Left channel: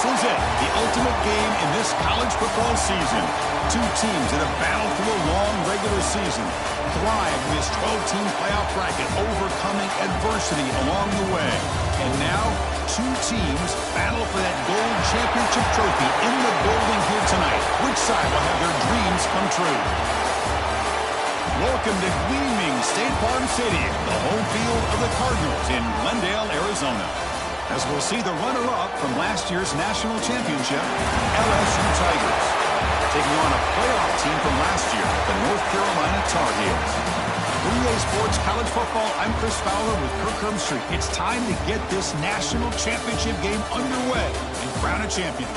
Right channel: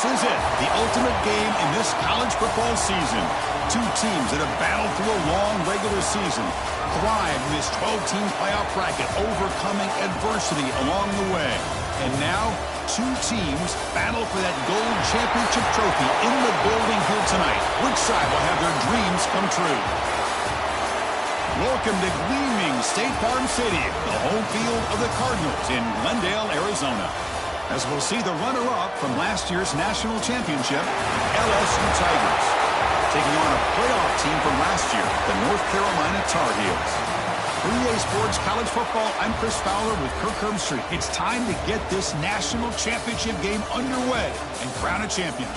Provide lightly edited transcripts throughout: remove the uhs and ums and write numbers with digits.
This is it, the ultimate game in this college football season. Two teams that have battled through a long regular season, thrived in this 12-team playoff bracket, overcoming adversity along the way. And now, two teams battle for that gold championship trophy in the building here tonight. Which side will have their dreams come true? Welcome to gleaming State Farm Stadium, the home field of the Cardinals in Glendale, Arizona. As we'll see the runner-up from last year's national championship, LSU Tigers, taking on a playoff team from last year, the North Carolina Tar Heels. For EA Sports College Football, I'm Chris Fowler with Kirk Herbstreit. It's time to get this national championship game underway and crown a champion.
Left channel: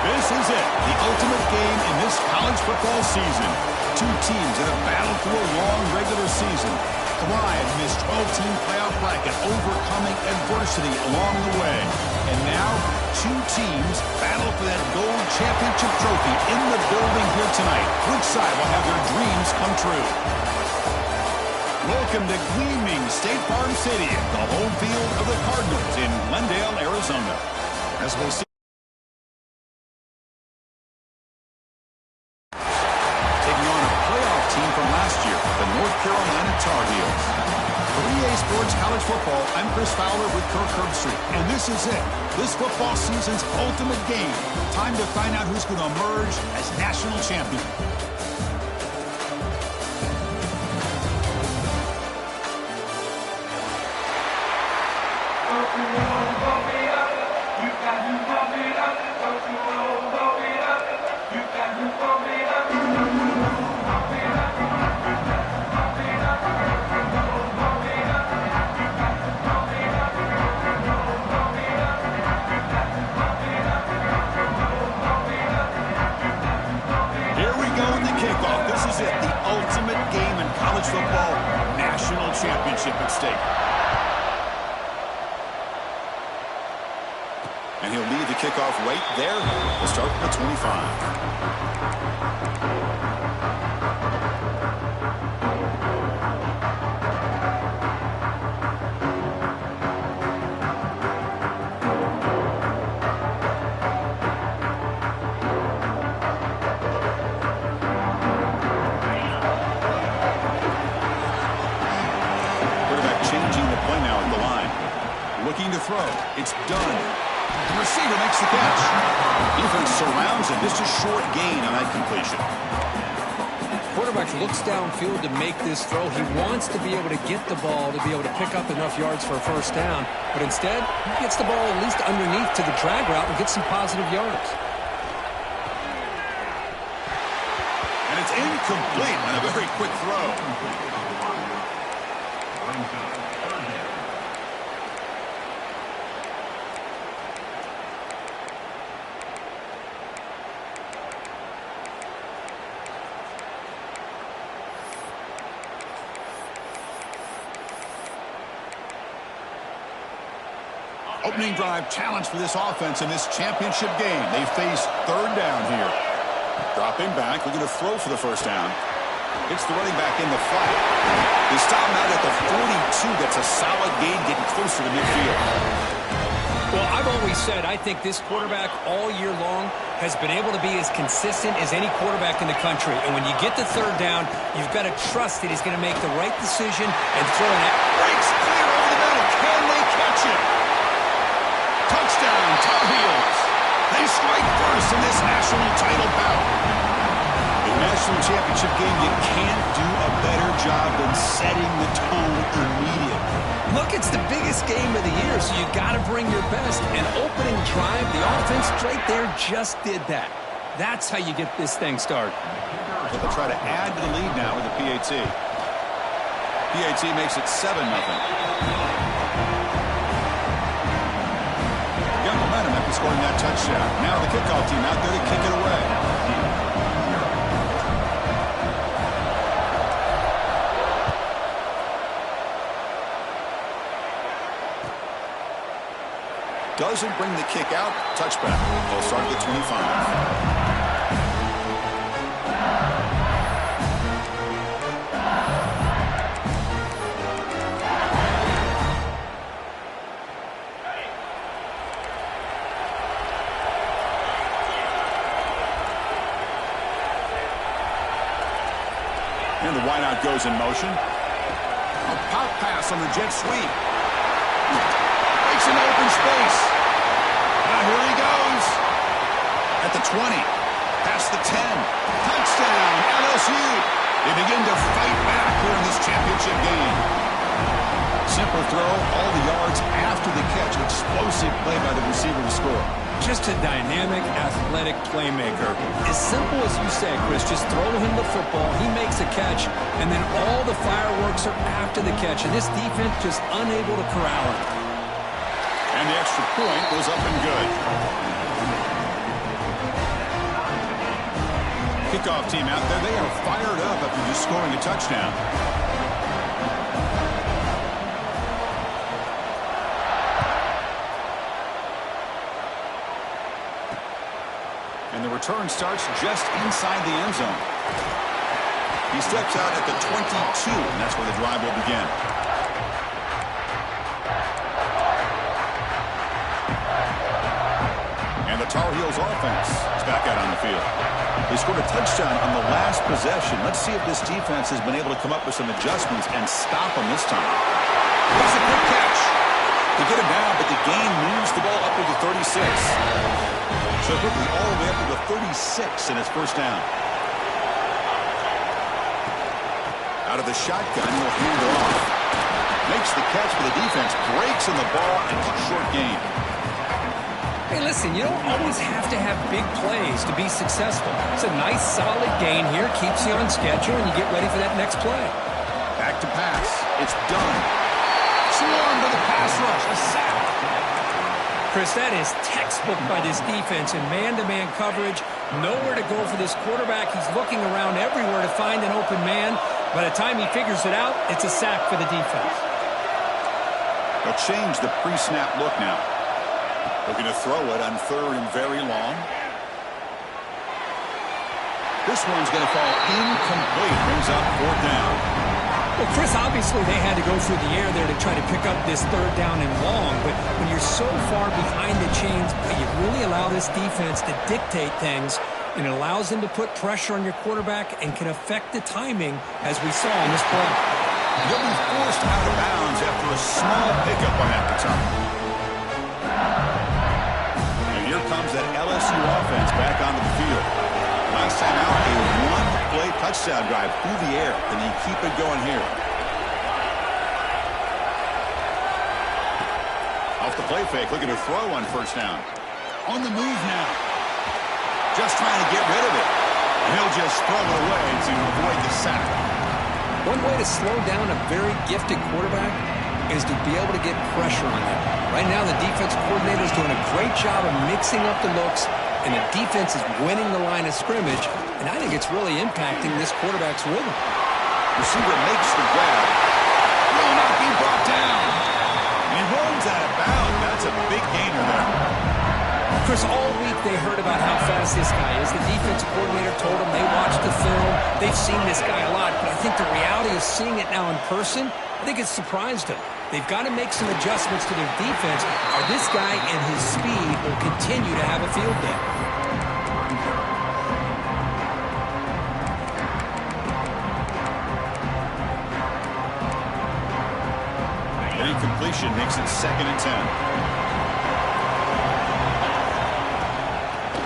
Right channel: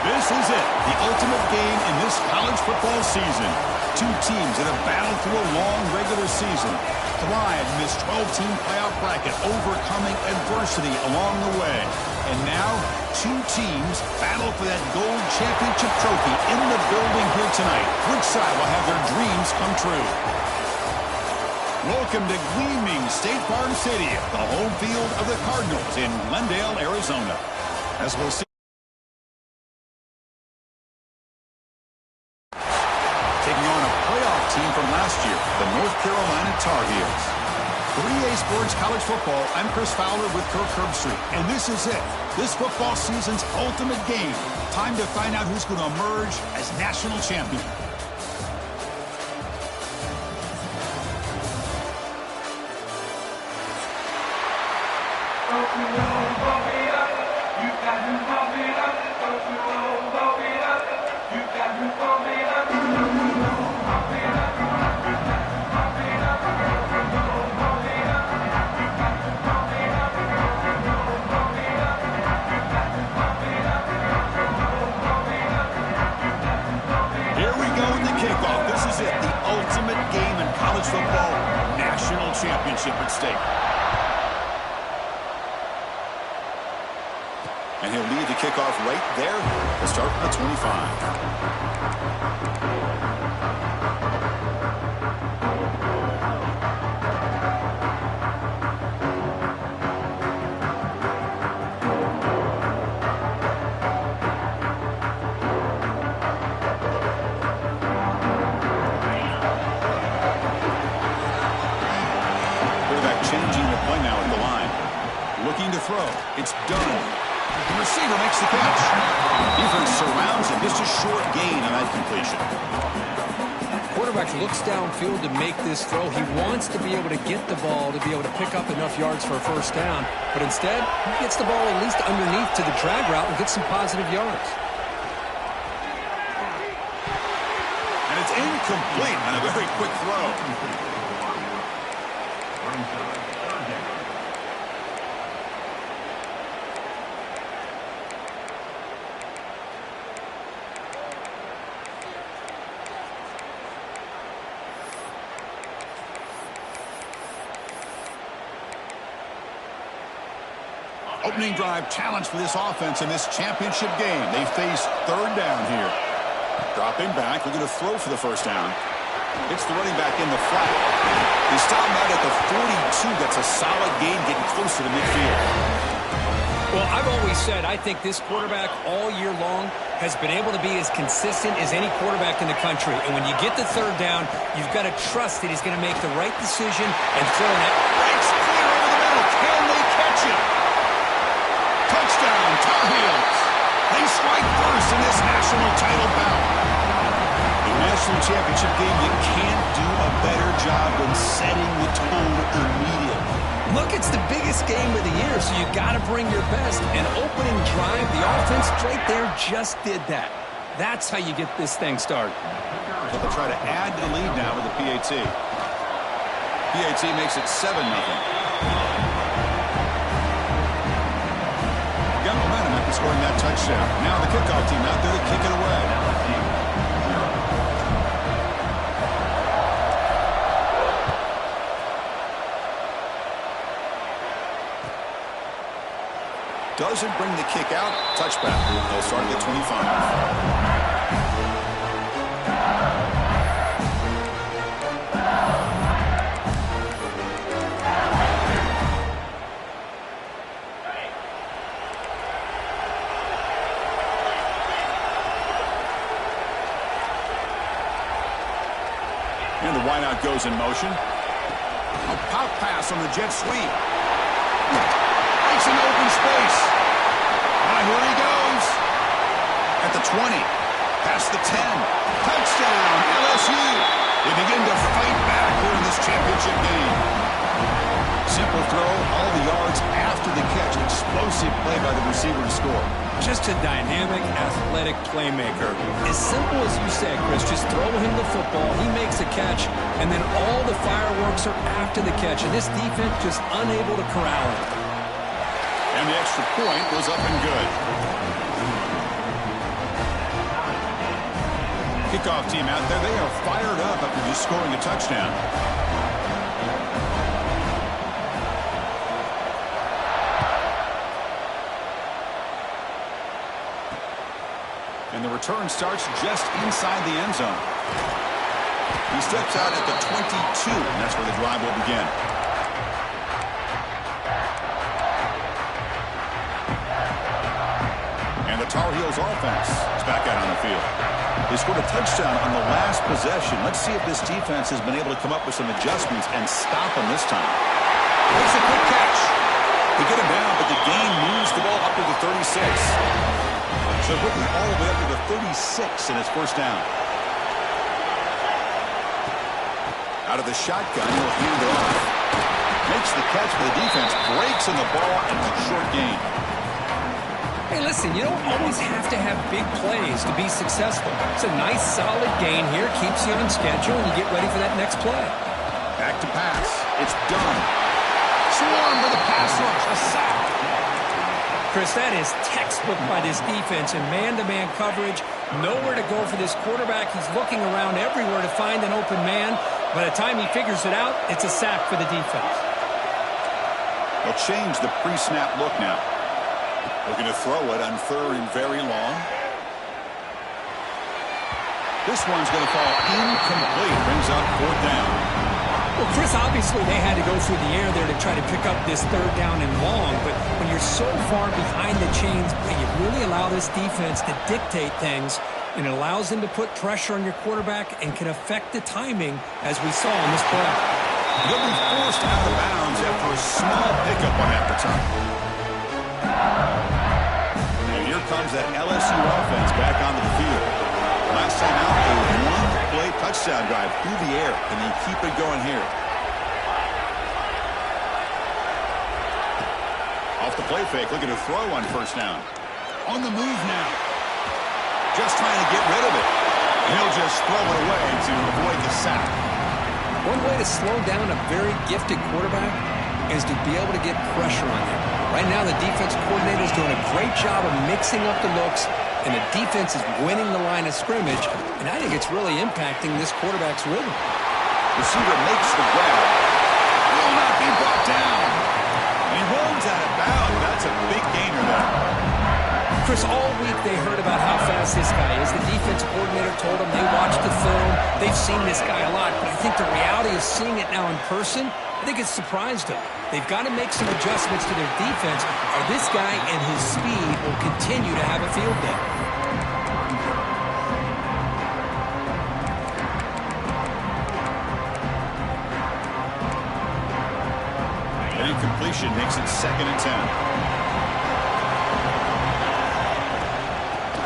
This is it, the ultimate game in this college football season. Two teams that have battled through a long regular season, thrived in this 12-team playoff bracket, overcoming adversity along the way. And now, two teams battle for that gold championship trophy in the building here tonight. Which side will have their dreams come true? Welcome to gleaming State Farm Stadium, the home field of the Cardinals in Glendale, Arizona. As we'll see, taking on a playoff team from last year, the North Carolina Tar Heels. For EA Sports College Football, I'm Chris Fowler with Kirk Herbstreit. And this is it, this football season's ultimate game. Time to find out who's going to emerge as national champion. Don't you know, bump it up. You got to bump it up. Don't you know, bump it up. You got to bump it up. Don't you know, bump it up. You got to bump it up. Don't you know, bump it up. You got to bump it up. Don't you know, bump it up. You got to bump it up. Don't you know, bump it up. You got to bump it up. Here we go in the kickoff. This is it, the ultimate game in college football. National championship at stake. And he'll lead the kickoff right there. We'll start at the 25. Quarterback changing the play now at the line. Looking to throw. It's done. The receiver makes the catch. Defense surrounds him. Just a short gain on that completion. quarterback looks downfield to make this throw. He wants to be able to get the ball to be able to pick up enough yards for a first down. But instead, he gets the ball at least underneath to the drag route and gets some positive yards. And it's incomplete on a very quick throw. Opening drive challenge for this offense in this championship game. They face third down here. Dropping back, looking to throw for the first down. It's the running back in the flat. They stop him out at the 42. That's a solid gain, getting closer to midfield. Well, I've always said I think this quarterback all year long has been able to be as consistent as any quarterback in the country. And when you get the third down, you've got to trust that he's going to make the right decision and throw it. Breaks clear over the middle. Can they catch him? Touchdown, Tar Heels. They strike first in this national title bout. A national championship game, you can't do a better job than setting the tone immediately. Look, it's the biggest game of the year, so you got to bring your best. An opening drive, the offense right there just did that. That's how you get this thing started. So they'll try to add to the lead now with the PAT. PAT makes it 7-0. Got momentum after scoring that touchdown. Now the kickoff team out there to kick it away. Doesn't bring the kick out. Touchback. They'll start at the 25. And the wideout goes in motion. A pop pass on the jet sweep. Breaks into open space. Here he goes. At the 20. Past the 10. Touchdown, LSU. They begin to fight back here in this championship game. Simple throw, all the yards after the catch. Explosive play by the receiver to score. Just a dynamic, athletic playmaker. As simple as you said, Chris, just throw him the football, he makes a catch, and then all the fireworks are after the catch. And this defense just unable to corral him. And the extra point was up and good. Kickoff team out there, they are fired up after just scoring a touchdown. And the return starts just inside the end zone. He steps out at the 22, and that's where the drive will begin. And the Tar Heels offense is back out on the field. They scored a touchdown on the last possession. Let's see if this defense has been able to come up with some adjustments and stop them this time. Makes a quick catch. They get him down, but the gain moves the ball up to the 36. So quickly all the way up to the 36 in his first down. Out of the shotgun, he'll hand it off. Makes the catch for the defense. Breaks in the ball, and it's a short gain. Hey, listen, you don't always have to have big plays to be successful. It's a nice, solid gain here. Keeps you on schedule, and you get ready for that next play. Back to pass. It's done. Swarm for the pass rush. A sack. Chris, that is textbook by this defense in man-to-man coverage. Nowhere to go for this quarterback. He's looking around everywhere to find an open man. By the time he figures it out, it's a sack for the defense. They'll change the pre-snap look now. Looking to throw it on third and very long. This one's going to fall incomplete. Brings up fourth down. Well, Chris, obviously they had to go through the air there to try to pick up this third down and long, but when you're so far behind the chains, you really allow this defense to dictate things, and it allows them to put pressure on your quarterback and can affect the timing, as we saw on this play. They'll be forced out of bounds after a small pickup on that return. And here comes that LSU offense back onto the field. Last time out, a one-play touchdown drive through the air, and they keep it going here. Off the play fake, looking to throw on first down. On the move now. Just trying to get rid of it. He'll just throw it away to avoid the sack. One way to slow down a very gifted quarterback is to be able to get pressure on him. Right now, the defense coordinator is doing a great job of mixing up the looks, and the defense is winning the line of scrimmage, and I think it's really impacting this quarterback's rhythm. Receiver makes the grab. Will not be brought down. And he runs out of bounds. That's a big gainer there. Chris, all week they heard about how fast this guy is. The defense coordinator told them they watched the film. They've seen this guy a lot, but I think the reality of seeing it now in person, I think it's surprised them. They've got to make some adjustments to their defense, or this guy and his speed will continue to have a field day. An incompletion makes it 2nd and 10.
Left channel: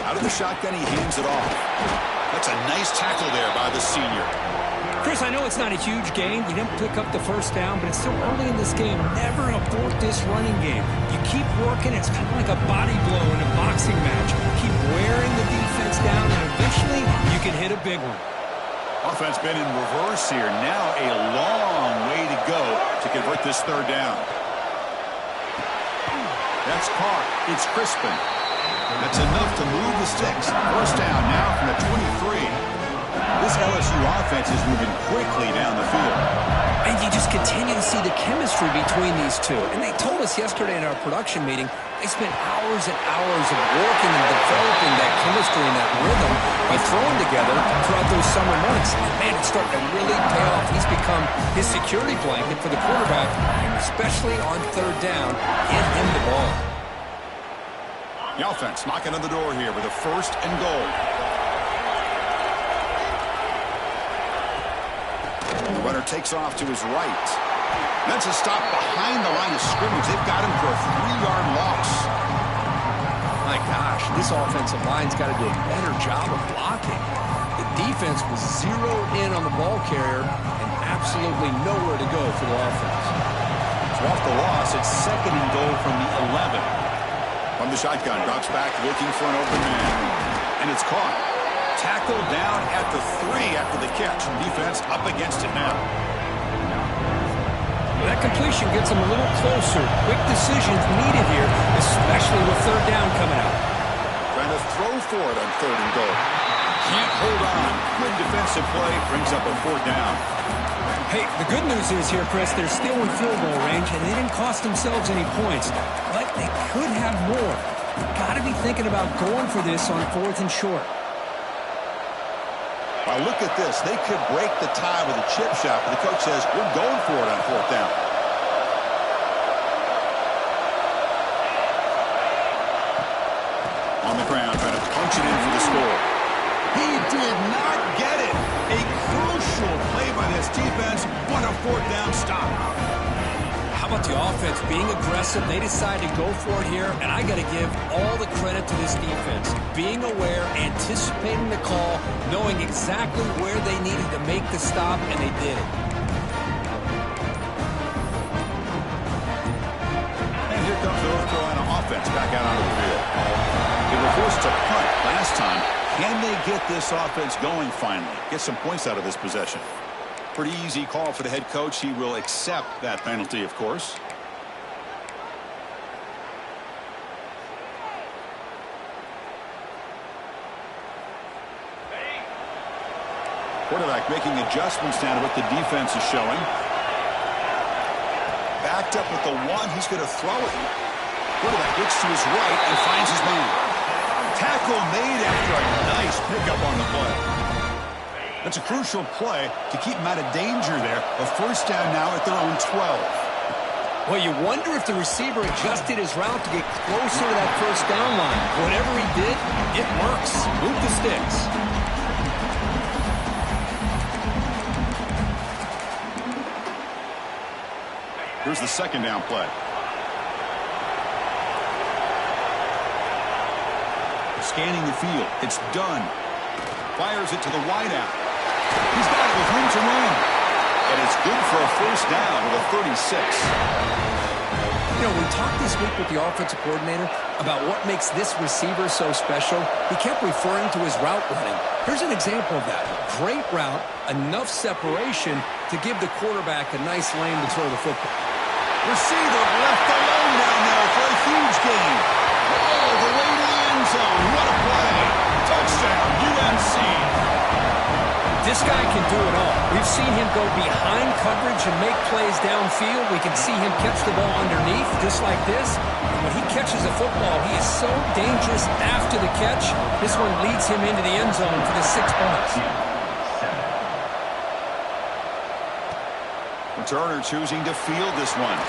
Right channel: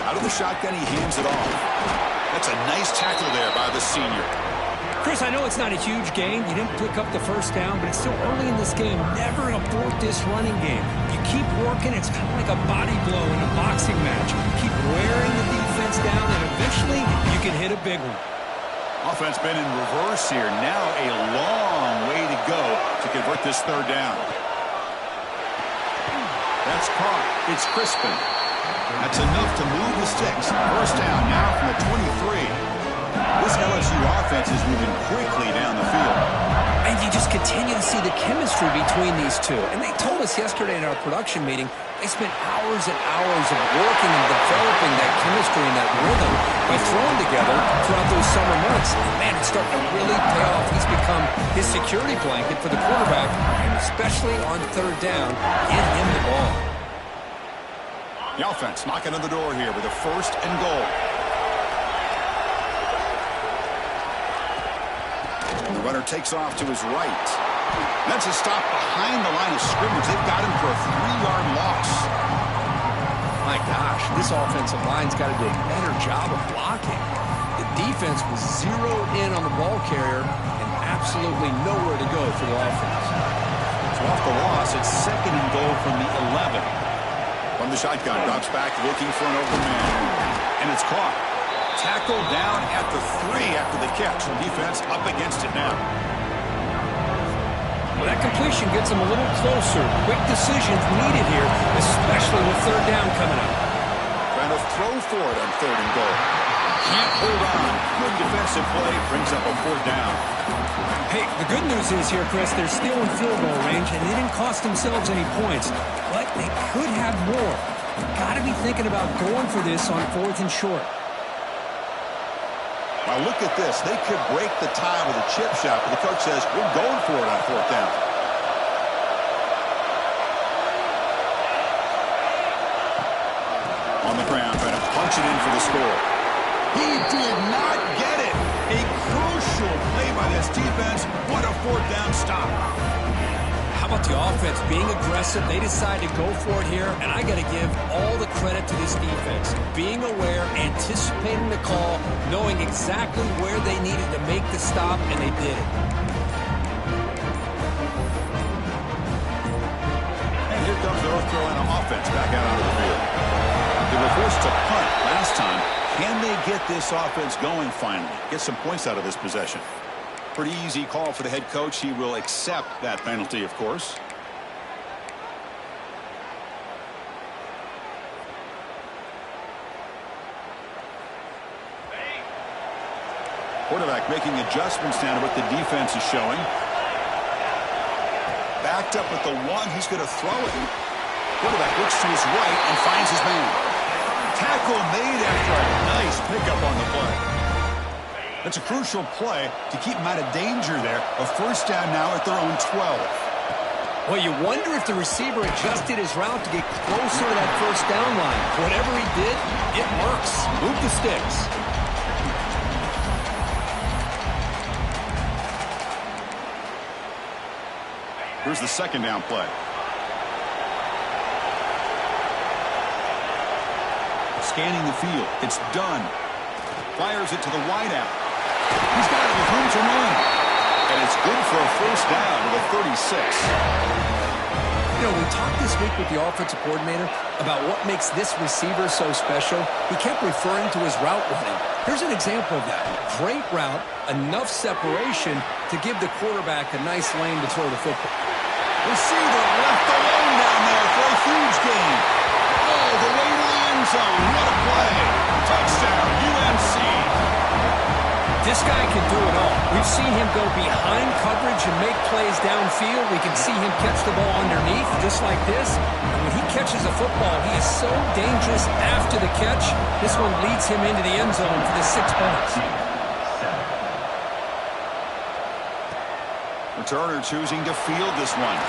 Out of the shotgun, he hands it off. That's a nice tackle there by the senior. Chris, I know it's not a huge gain. You didn't pick up the first down, but it's still early in this game. Never abort this running game. You keep working. It's kind of like a body blow in a boxing match. Keep wearing the defense down, and eventually you can hit a big one. Offense been in reverse here. Now a long way to go to convert this 3rd down. That's caught. It's Crispin. That's enough to move the sticks. First down now from the 23. This LSU offense is moving quickly down the field. And you just continue to see the chemistry between these two. And they told us yesterday in our production meeting, they spent hours and hours of working and developing that chemistry and that rhythm by throwing together throughout those summer months. And man, it's starting to really pay off. He's become his security blanket for the quarterback, and especially on 3rd down, give him the ball. The offense knocking on the door here with a 1st and goal. The runner takes off to his right. That's a stop behind the line of scrimmage. They've got him for a 3-yard loss. My gosh, this offensive line's got to do a better job of blocking. The defense was zeroed in on the ball carrier and absolutely nowhere to go for the offense. So off the loss, it's 2nd and goal from the 11. From the shotgun, drops back looking for an open man. And it's caught. Tackled down at the 3 after the catch. Defense up against it now. Well, that completion gets them a little closer. Quick decisions needed here, especially with 3rd down coming out. Trying to throw for it on 3rd and goal. Can't hold on. Good defensive play. Brings up a 4th down. Hey, the good news is here, Chris, they're still in field goal range, and they didn't cost themselves any points. But they could have more. Got to be thinking about going for this on 4th and short. Well, look at this. They could break the tie with a chip shot, but the coach says, we're going for it on 4th down. On the ground, trying to punch it in for the score. He did not get it. A crucial play by this defense. What a 4th down stop. How about the offense being aggressive? They decide to go for it here, and I got to give all the credit to this defense. Being aware, anticipating the call, knowing exactly where they needed to make the stop, and they did it. And here comes the North Carolina offense back out onto the field. They were forced to punt last time. Can they get this offense going finally? Get some points out of this possession. Pretty easy call for the head coach. He will accept that penalty, of course. Quarterback making adjustments down to what the defense is showing. Backed up at the 1. He's going to throw it. Quarterback looks to his right and finds his man. Tackle made after a nice pickup on the play. That's a crucial play to keep them out of danger there. A 1st down now at their own 12. Well, you wonder if the receiver adjusted his route to get closer to that 1st down line. Whatever he did, it works. Move the sticks. Here's the 2nd down play. Scanning the field. It's done. Fires it to the wideout. He's got it with room to run. And it's good for a first down with a 36. You know, we talked this week with the offensive coordinator about what makes this receiver so special. He kept referring to his route running. Here's an example of that. Great route, enough separation to give the quarterback a nice lane to throw the football. Receiver left alone down there for a huge gain. All the way to the end zone. What a play. Touchdown, UNC. This guy can do it all. We've seen him go behind coverage and make plays downfield. We can see him catch the ball underneath just like this. And when he catches a football, he is so dangerous after the catch. This one leads him into the end zone for the 6 points. Returner choosing to field this one.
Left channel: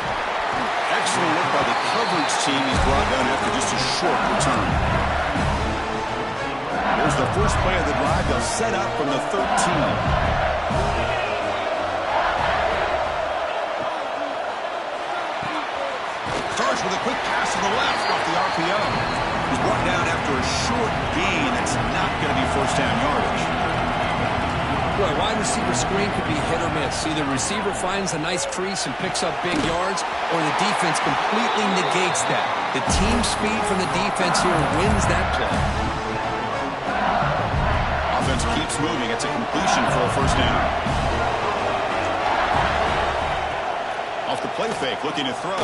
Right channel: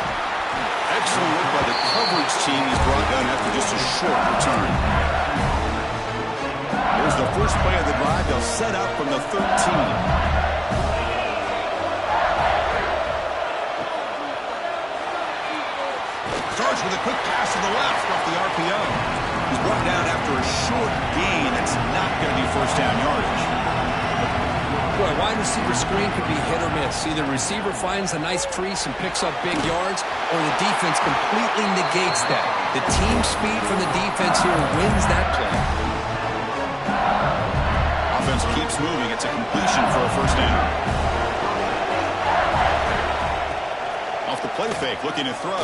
Excellent work by the coverage team. He's brought down after just a short return. Here's the first play of the drive. They'll set up from the 13. Starts with a quick pass to the left off the RPO. He's brought down after a short gain. That's not going to be first down yardage. Boy, wide receiver screen could be hit or miss. Either receiver finds a nice crease and picks up big yards, or the defense completely negates that. The team speed from the defense here wins that play. Offense keeps moving. It's a completion for a first down. Off the play fake, looking to throw.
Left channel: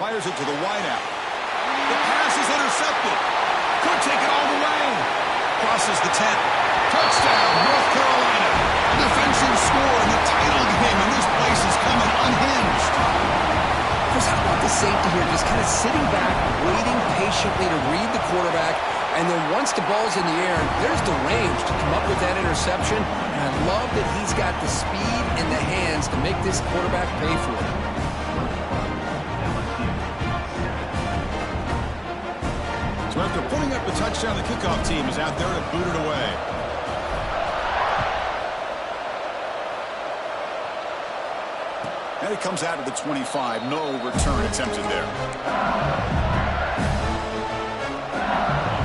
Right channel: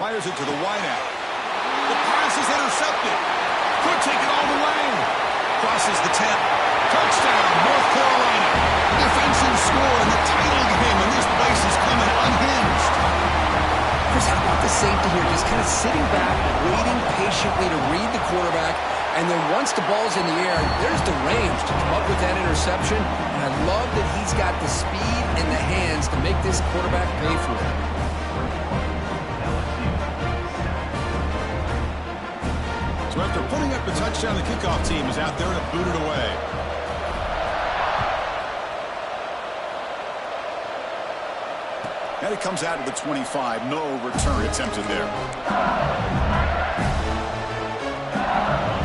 Fires it to the wideout. The pass is intercepted. Could take it all the way. Crosses the 10. Touchdown, North Carolina. Defensive score in the title game, and this place is coming unhinged. Chris, how about the safety here? Just kind of sitting back, waiting patiently to read the quarterback, and then once the ball's in the air, there's the range to come up with that interception. And I love that he's got the speed and the hands to make this quarterback pay for it. So after putting up the touchdown, the kickoff team is out there to boot it away. And it comes out of the 25. No return attempted there.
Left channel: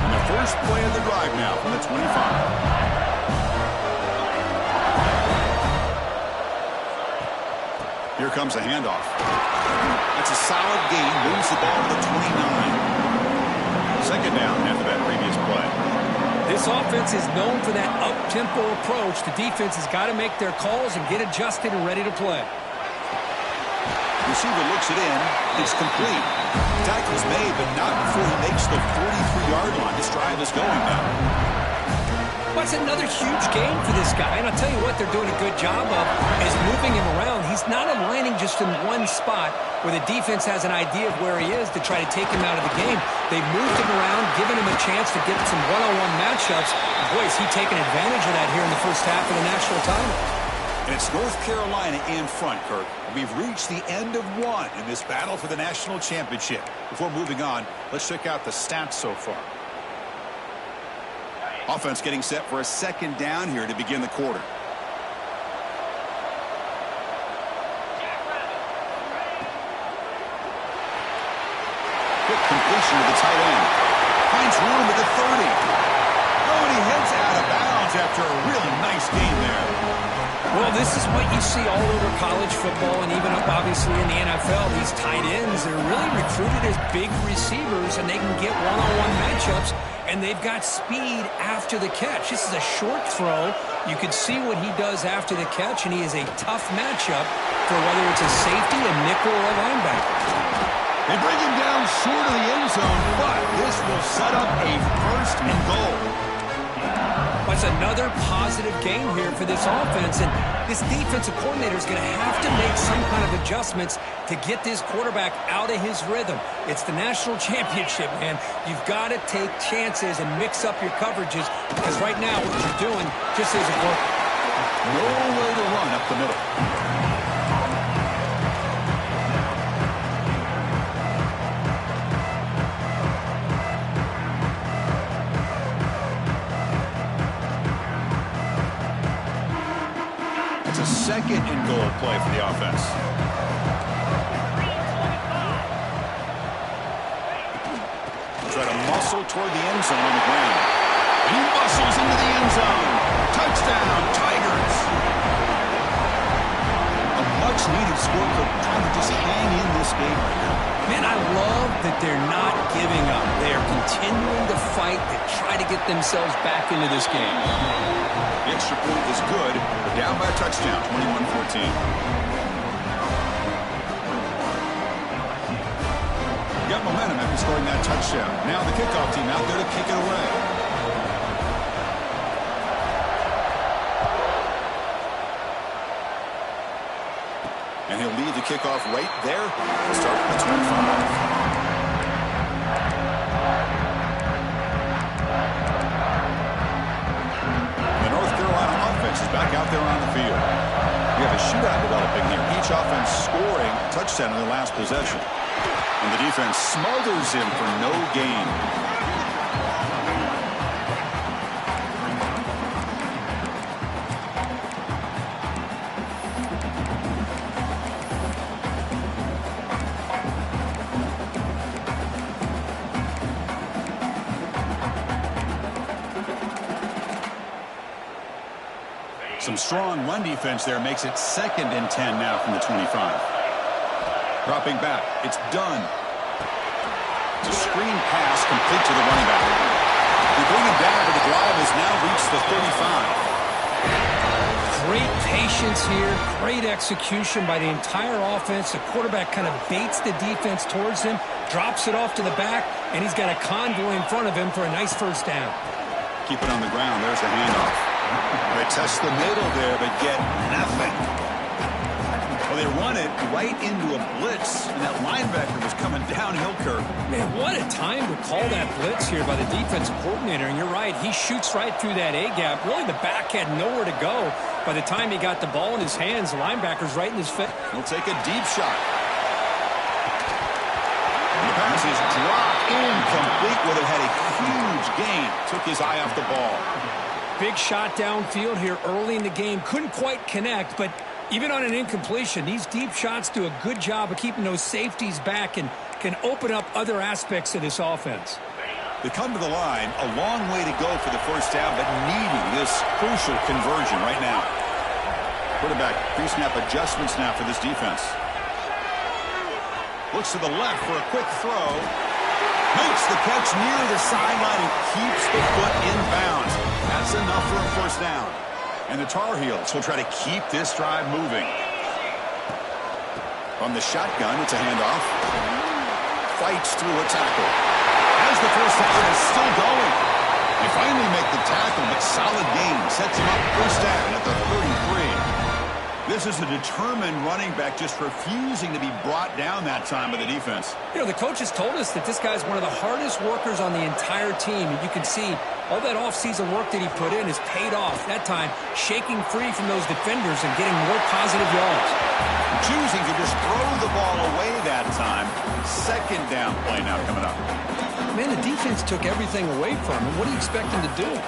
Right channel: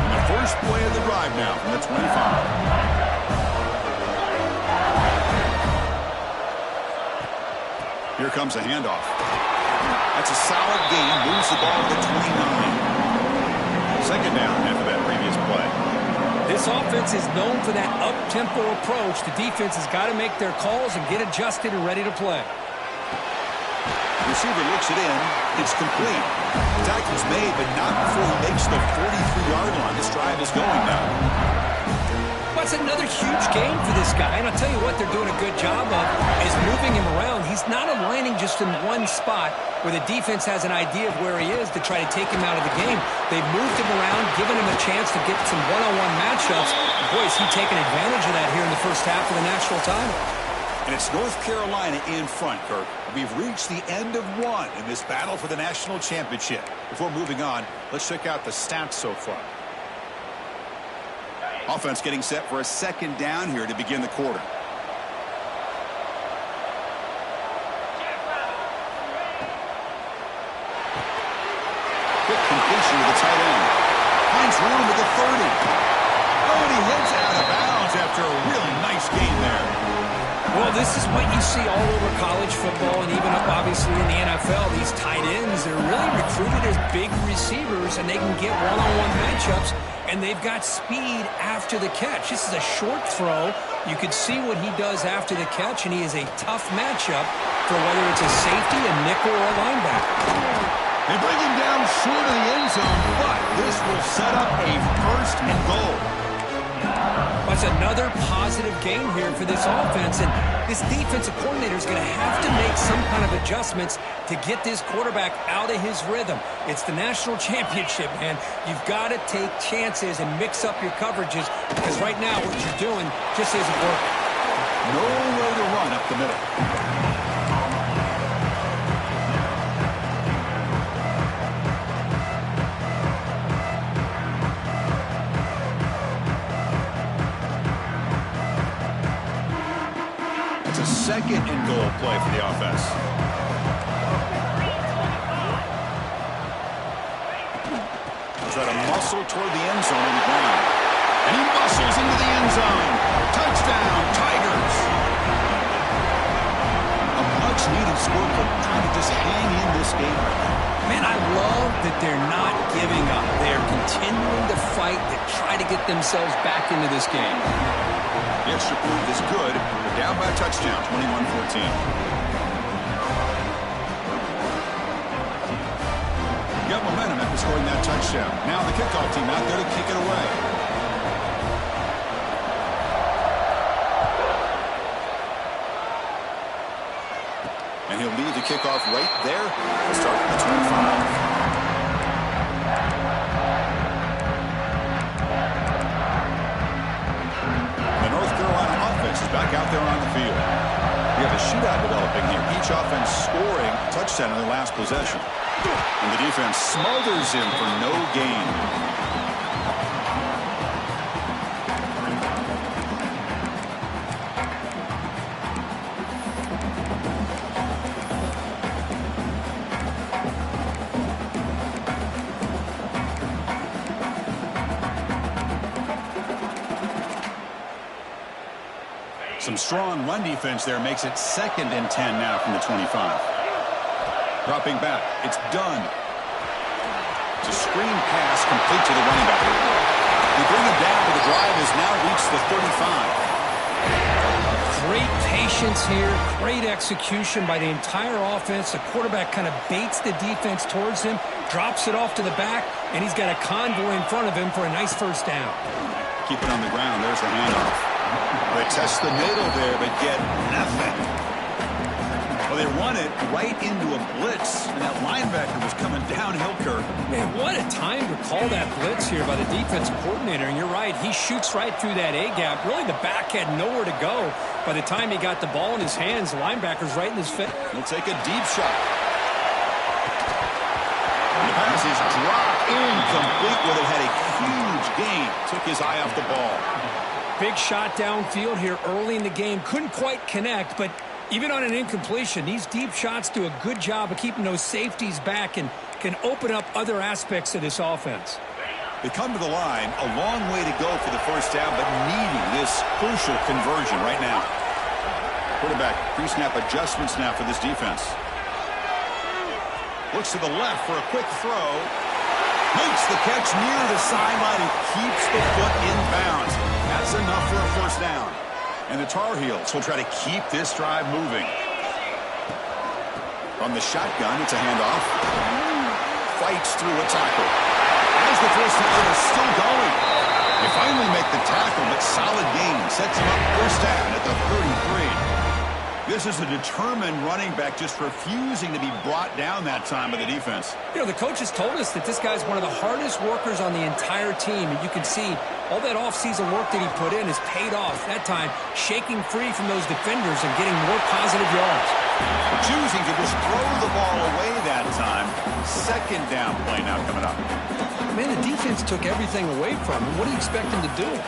And the first play of the drive now from the 25. Here comes a handoff. That's a solid gain. Moves the ball to the 29. Second down after that previous play. This offense is known for that up-tempo approach. The defense has got to make their calls and get adjusted and ready to play. Receiver looks it in. It's complete. Tackle's made, but not before he makes the 43-yard line. This drive is going now. Well, it's another huge gain for this guy. And I'll tell you what they're doing a good job of is moving him around. He's not aligning just in one spot where the defense has an idea of where he is to try to take him out of the game. They've moved him around, given him a chance to get some one-on-one matchups. Boy, is he taking advantage of that here in the first half of the national title. And it's North Carolina in front, Kirk. We've reached the end of one in this battle for the national championship. Before moving on, let's check out the stats so far. Offense getting set for a second down here to begin the quarter. Quick completion to the tight end. Finds room at the 30. Oh, and he heads out of bounds after a really nice gain there. Well, this is what you see all over college football and even up, obviously, in the NFL. These tight ends, they're really recruited as big receivers, and they can get one-on-one matchups, and they've got speed after the catch. This is a short throw. You can see what he does after the catch, and he is a tough matchup for whether it's a safety, a nickel, or a linebacker. They bring him down short of the end zone, but this will set up a first and goal. That's another positive gain here for this offense, and this defensive coordinator is going to have to make some kind of adjustments to get this quarterback out of his rhythm. It's the national championship, man. You've got to take chances and mix up your coverages, because right now what you're doing just isn't working. Nowhere to run up the middle. Second and goal play for the offense. Try to muscle toward the end zone on the ground. And he muscles into the end zone. Touchdown, Tigers. A much-needed score could kind of just hang in this game right now. Man, I love that they're not giving up. They are continuing to fight to try to get themselves back into this game. The extra point is good, but down by a touchdown, 21-14. Got momentum after scoring that touchdown. Now the kickoff team out there to kick it away. And he'll lead the kickoff right there. We'll start at the 25. The North Carolina offense is back out there on the field. We have a shootout developing here. Each offense scoring a touchdown in their last possession. And the defense smothers him for no gain. Some strong run defense there makes it 2nd and 10 now from the 25. Dropping back. It's done. It's a screen pass complete to the running back. We bring him down, but the drive has now reached the 35. Great patience here. Great execution by the entire offense. The quarterback kind of baits the defense towards him, drops it off to the back, and he's got a convoy in front of him for a nice first down. Keep it on the ground. There's the handoff. They test the middle there, but get nothing. Well, they run it right into a blitz, and that linebacker was coming downhill, Kirk. Man, what a time to call that blitz here by the defensive coordinator. And you're right, he shoots right through that A-gap. Really, the back had nowhere to go. By the time he got the ball in his hands, the linebacker's right in his face. He'll take a deep shot. The pass is dropped incomplete. Would have had a huge gain. Took his eye off the ball. Big shot downfield here early in the game. Couldn't quite connect, but even on an incompletion, these deep shots do a good job of keeping those safeties back and can open up other aspects of this offense. They come to the line, a long way to go for the first down, but needing this crucial conversion right now. Quarterback pre-snap adjustments now for this defense. Looks to the left for a quick throw. Makes the catch near the sideline and keeps the foot in bounds. That's enough for a first down. And the Tar Heels will try to keep this drive moving. From the shotgun, it's a handoff. Fights through a tackle. As the first down is still going. They finally make the tackle, but solid gain. Sets him up first down at the 33. This is a determined running back just refusing to be brought down that time by the defense. You know, the coaches told us that this guy's one of the hardest workers on the entire team, and you can see all that offseason work that he put in has paid off. That time, shaking free from those defenders and getting more positive yards. Choosing to just throw the ball away that time. Second down play now coming up. Man, the defense took everything away from him. What do you expect him to do?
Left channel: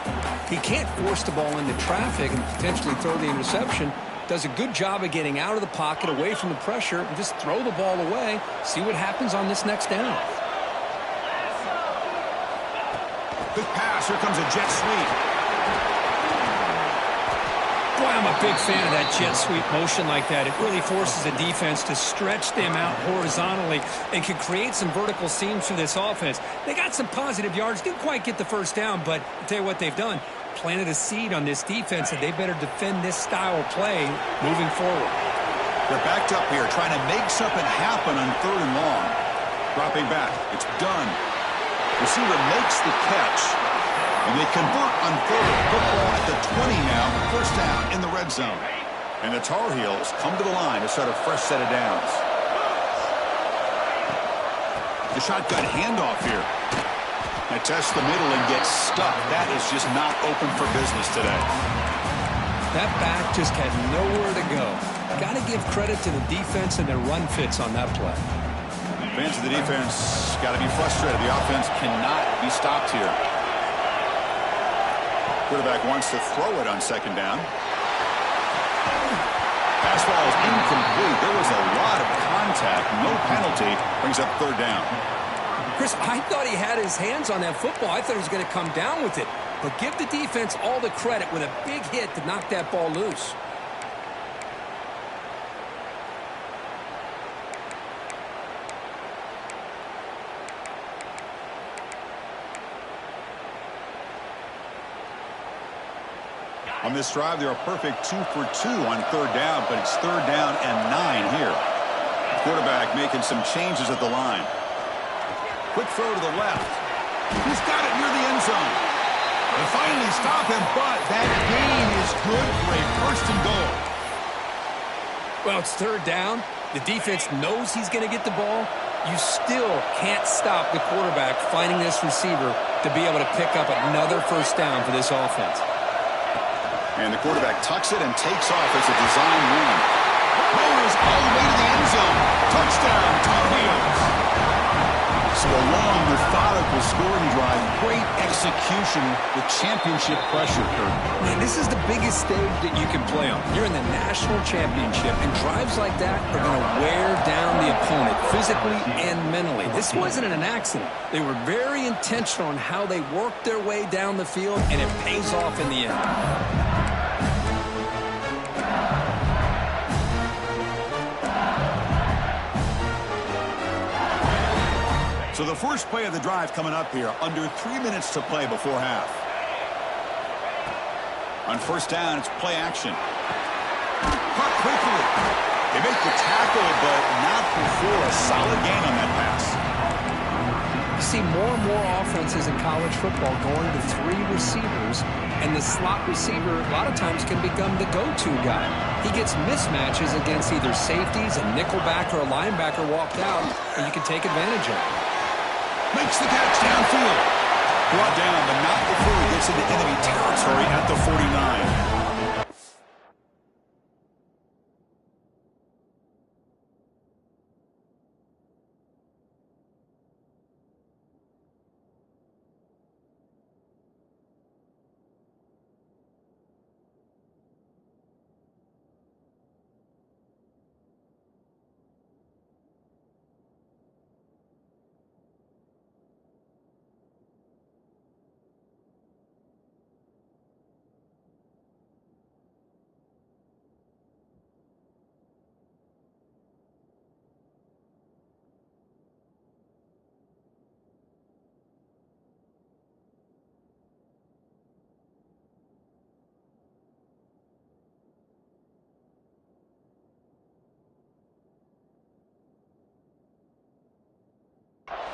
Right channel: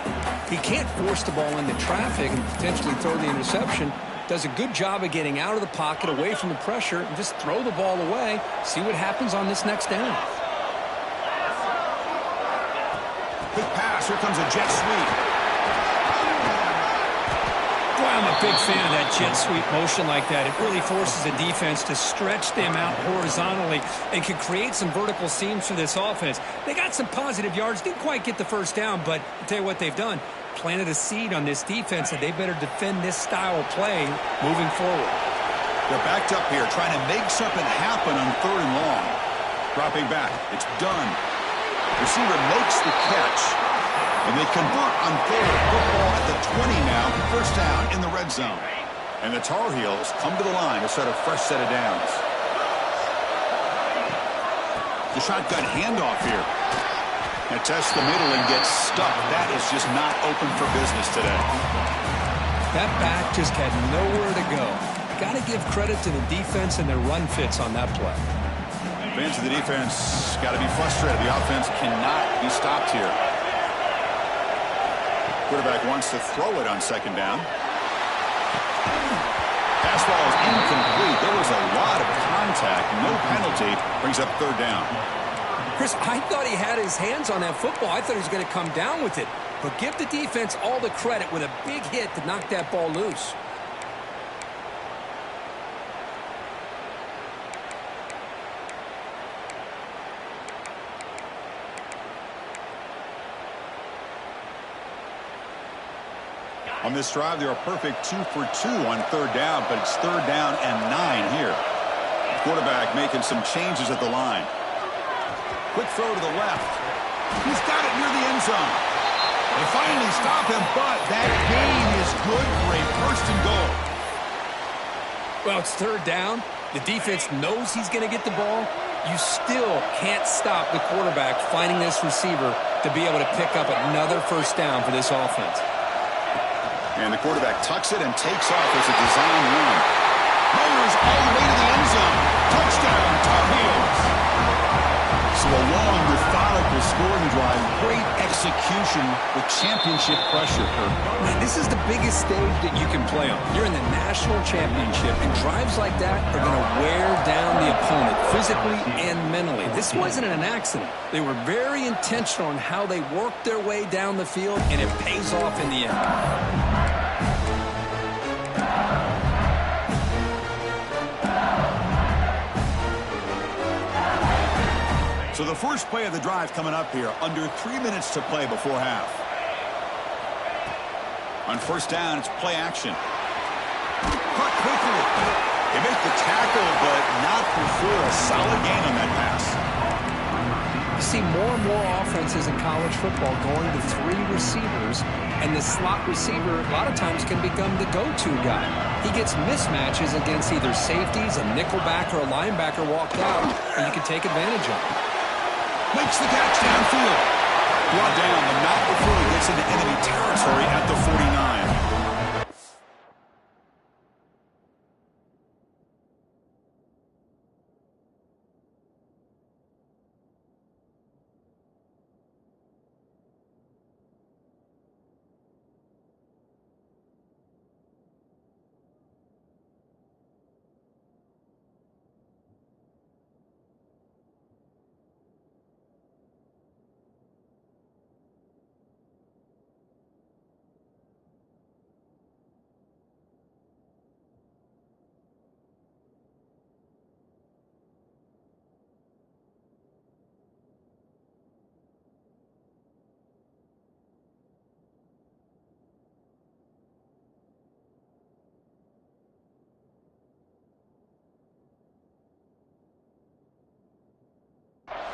He can't force the ball into traffic and potentially throw the interception. Does a good job of getting out of the pocket, away from the pressure, and just throw the ball away. See what happens on this next down. Quick pass. Here comes a jet sweep. Boy, I'm a big fan of that jet sweep motion like that. It really forces the defense to stretch them out horizontally and can create some vertical seams for this offense. They got some positive yards. Didn't quite get the first down, but I'll tell you what they've done. Planted a seed on this defense that they better defend this style of play moving forward. They're backed up here trying to make something happen on 3rd and long. Dropping back. It's done. Receiver makes the catch. And they convert on 3rd. Football at the 20 now. First down in the red zone. And the Tar Heels come to the line to start a fresh set of downs. The shotgun handoff here. They test the middle and get stuck. That is just not open for business today. That back just had nowhere to go. Got to give credit to the defense and their run fits on that play. Fans of the defense got to be frustrated. The offense cannot be stopped here. Quarterback wants to throw it on 2nd down. Pass ball is incomplete. There was a lot of contact. No penalty. Brings up 3rd down. Chris, I thought he had his hands on that football. I thought he was going to come down with it. but give the defense all the credit with a big hit to knock that ball loose. On this drive, they're a perfect 2 for 2 on third down, but it's third down and 9 here. Quarterback making some changes at the line. Quick throw to the left. He's got it near the end zone. They finally stop him, but that gain is good for a first and goal. Well, it's third down. The defense knows he's going to get the ball. You still can't stop the quarterback finding this receiver to be able to pick up another first down for this offense. And the quarterback tucks it and takes off as a design run. Motors all the way to the end zone. Touchdown, Tar Heels. So a long, methodical scoring drive. Great execution with championship pressure, Kirk. Man, this is the biggest stage that you can play on. You're in the national championship, and drives like that are going to wear down the opponent physically and mentally. This wasn't an accident. They were very intentional on how they worked their way down the field, and it pays off in the end. So the first play of the drive coming up here, under 3 minutes to play before half. On first down, it's play action. Caught quickly. They make the tackle, but not before a solid gain on that pass. You see more and more offenses in college football going to 3 receivers, and the slot receiver a lot of times can become the go-to guy. He gets mismatches against either safeties, a nickelback, or a linebacker walked out, and you can take advantage of it. Makes the catch downfield. Brought down, but not before he gets into enemy territory at the 49.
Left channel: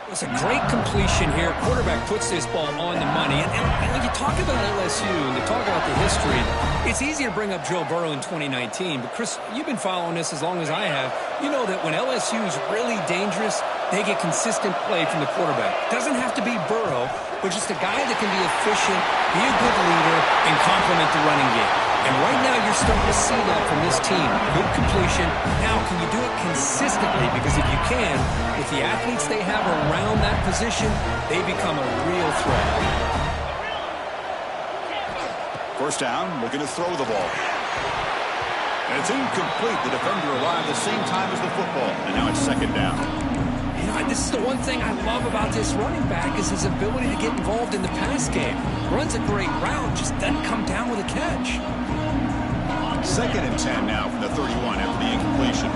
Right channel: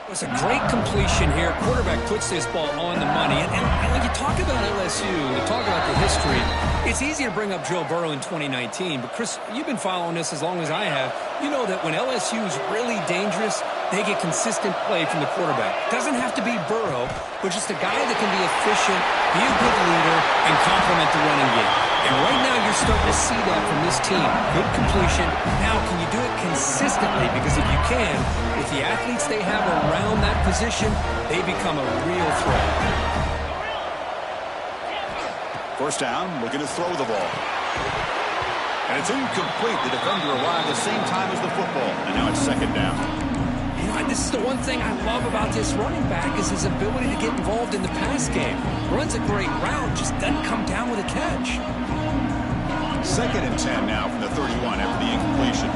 It's a great completion here. Quarterback puts this ball on the money. And when you talk about LSU and you talk about the history, it's easy to bring up Joe Burrow in 2019. But, Chris, you've been following this as long as I have. You know that when LSU is really dangerous, they get consistent play from the quarterback. Doesn't have to be Burrow, but just a guy that can be efficient, be a good leader, and complement the running game. And right now you're starting to see that from this team. Good completion. Now, can you do it consistently? Because if you can, with the athletes they have around that position, they become a real threat. First down, looking to throw the ball. And it's incomplete. The defender arrived the same time as the football. And now it's second down. You know, this is the one thing I love about this running back is his ability to get involved in the pass game. Runs a great route, just doesn't come down with a catch. Second and 10 now from the 31 after the incompletion.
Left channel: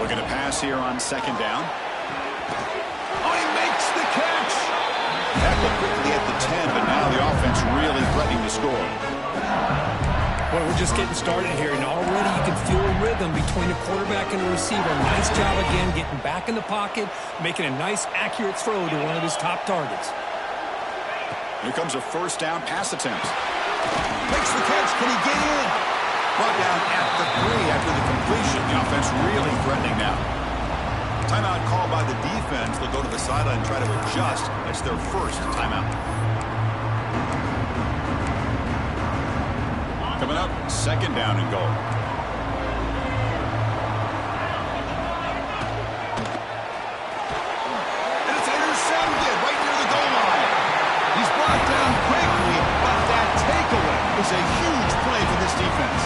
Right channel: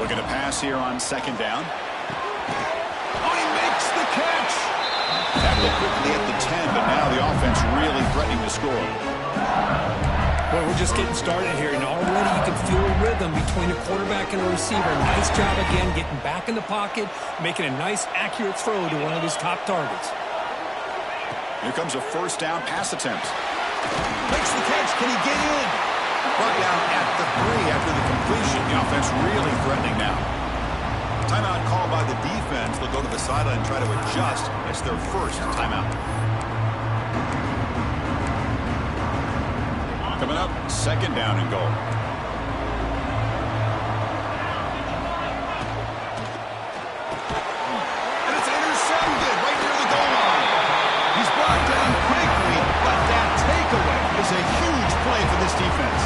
Looking to pass here on second down. Oh, he makes the catch! Tackled quickly at the 10, but now the offense really threatening to score. Well, we're just getting started here, and already you can feel a rhythm between a quarterback and a receiver. Nice job again getting back in the pocket, making a nice, accurate throw to one of his top targets. Here comes a first down pass attempt. Makes the catch. Can he get in? Brought down at the 3 after the completion. The offense really threatening now. Timeout called by the defense. They'll go to the sideline and try to adjust. It's their first timeout. Coming up, second down and goal. And it's intercepted right near the goal line. He's brought down quickly, but that takeaway is a huge play for this defense.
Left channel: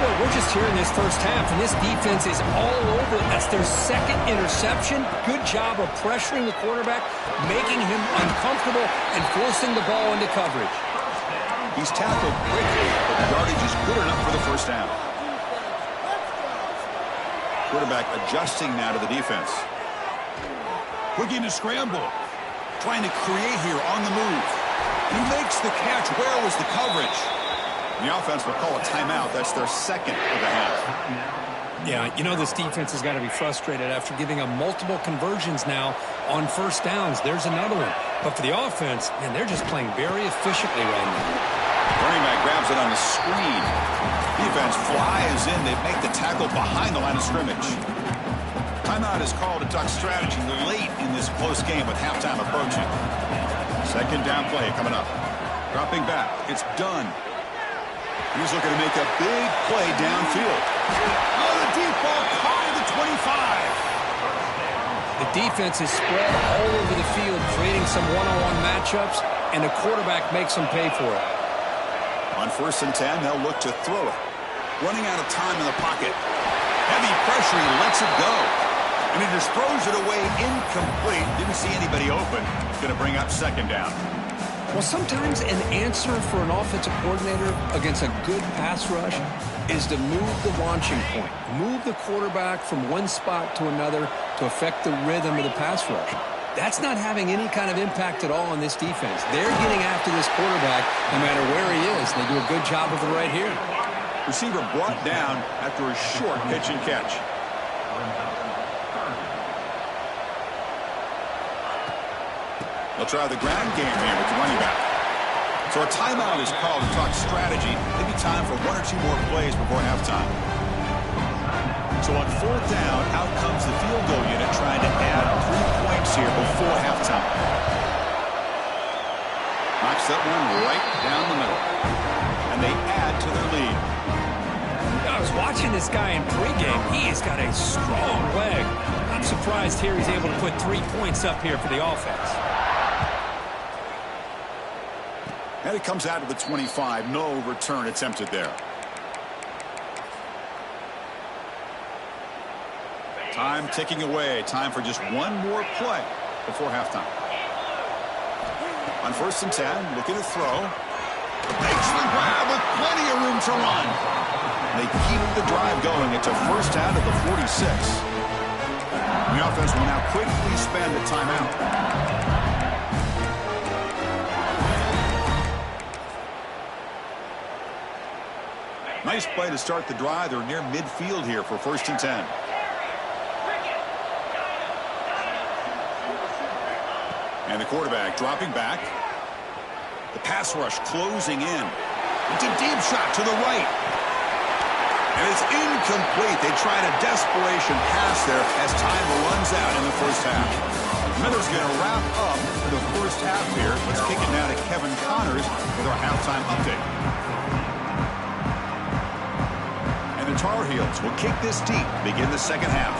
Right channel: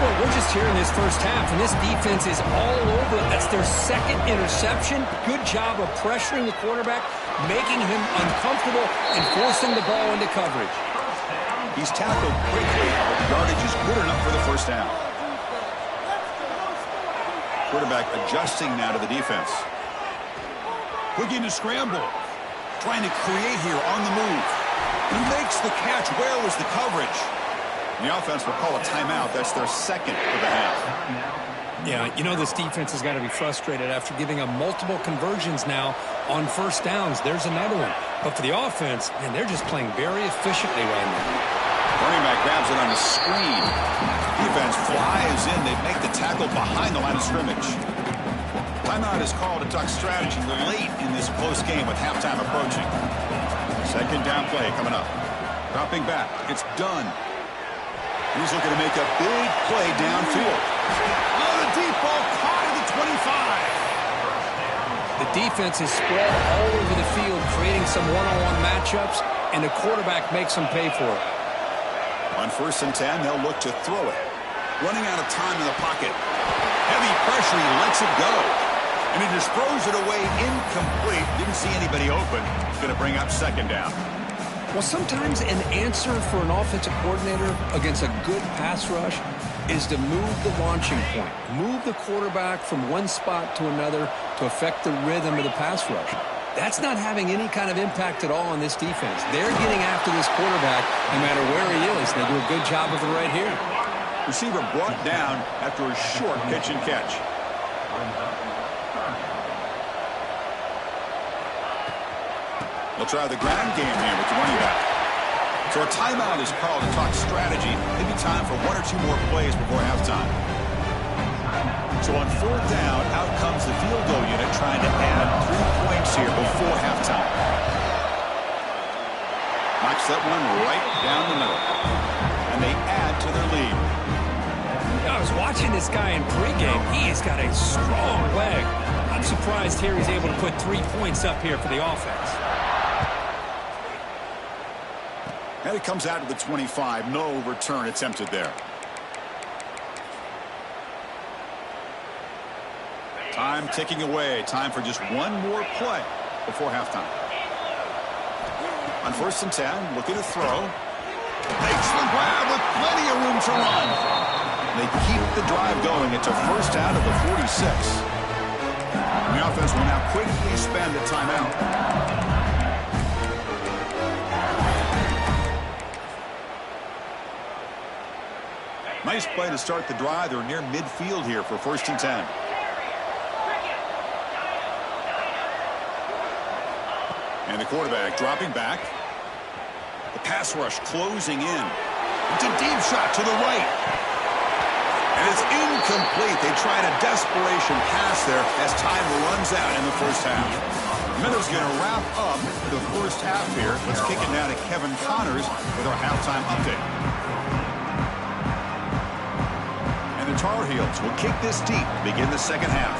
Well, we're just here in this first half, and this defense is all over it. That's their second interception. Good job of pressuring the quarterback, making him uncomfortable, and forcing the ball into coverage. He's tackled quickly, but the yardage is good enough for the first down. Quarterback adjusting now to the defense. Looking to scramble. Trying to create here on the move. He makes the catch. Where was the coverage? The offense will call a timeout. That's their second of the half. Yeah, you know this defense has got to be frustrated after giving them multiple conversions now on first downs. There's another one. But for the offense, man, they're just playing very efficiently right now. Running back grabs it on the screen. Defense flies in. They make the tackle behind the line of scrimmage. Timeout is called to talk strategy late in this close game with halftime approaching. Second down play coming up. Dropping back. It's done. He's looking to make a big play downfield. Oh, the deep ball caught at the 25. The defense is spread all over the field, creating some one-on-one matchups, and the quarterback makes them pay for it. On 1st and 10, they'll look to throw it. Running out of time in the pocket. Heavy pressure, he lets it go. And he just throws it away incomplete. Didn't see anybody open. It's going to bring up second down. Well, sometimes an answer for an offensive coordinator against a good pass rush is to move the launching point. Move the quarterback from one spot to another to affect the rhythm of the pass rush. That's not having any kind of impact at all on this defense. They're getting after this quarterback no matter where he is. They do a good job of it right here. Receiver brought down after a short pitch and catch. They'll try the ground game here with the running back. So a timeout is called to talk strategy. Maybe time for one or two more plays before halftime. So on 4th down, out comes the field goal unit trying to add 3 points here before halftime. Knocks that one right down the middle. And they add to their lead. I was watching this guy in pregame. He has got a strong leg. I'm surprised here he's able to put 3 points up here for the offense. And it comes out to the 25. No return attempted there. Time ticking away. Time for just one more play before halftime. On 1st and 10, looking to throw. Makes the grab with plenty of room to run. They keep the drive going. It's a first out of the 46. The offense will now quickly spend a timeout. Nice play to start the drive. They're near midfield here for 1st and 10. And the quarterback dropping back. The pass rush closing in. It's a deep shot to the right. And it's incomplete. They tried a desperation pass there as time runs out in the first half. Miller's going to wrap up the first half here. Let's kick it now to Kevin Connors with our halftime update. And the Tar Heels will kick this deep to begin the second half.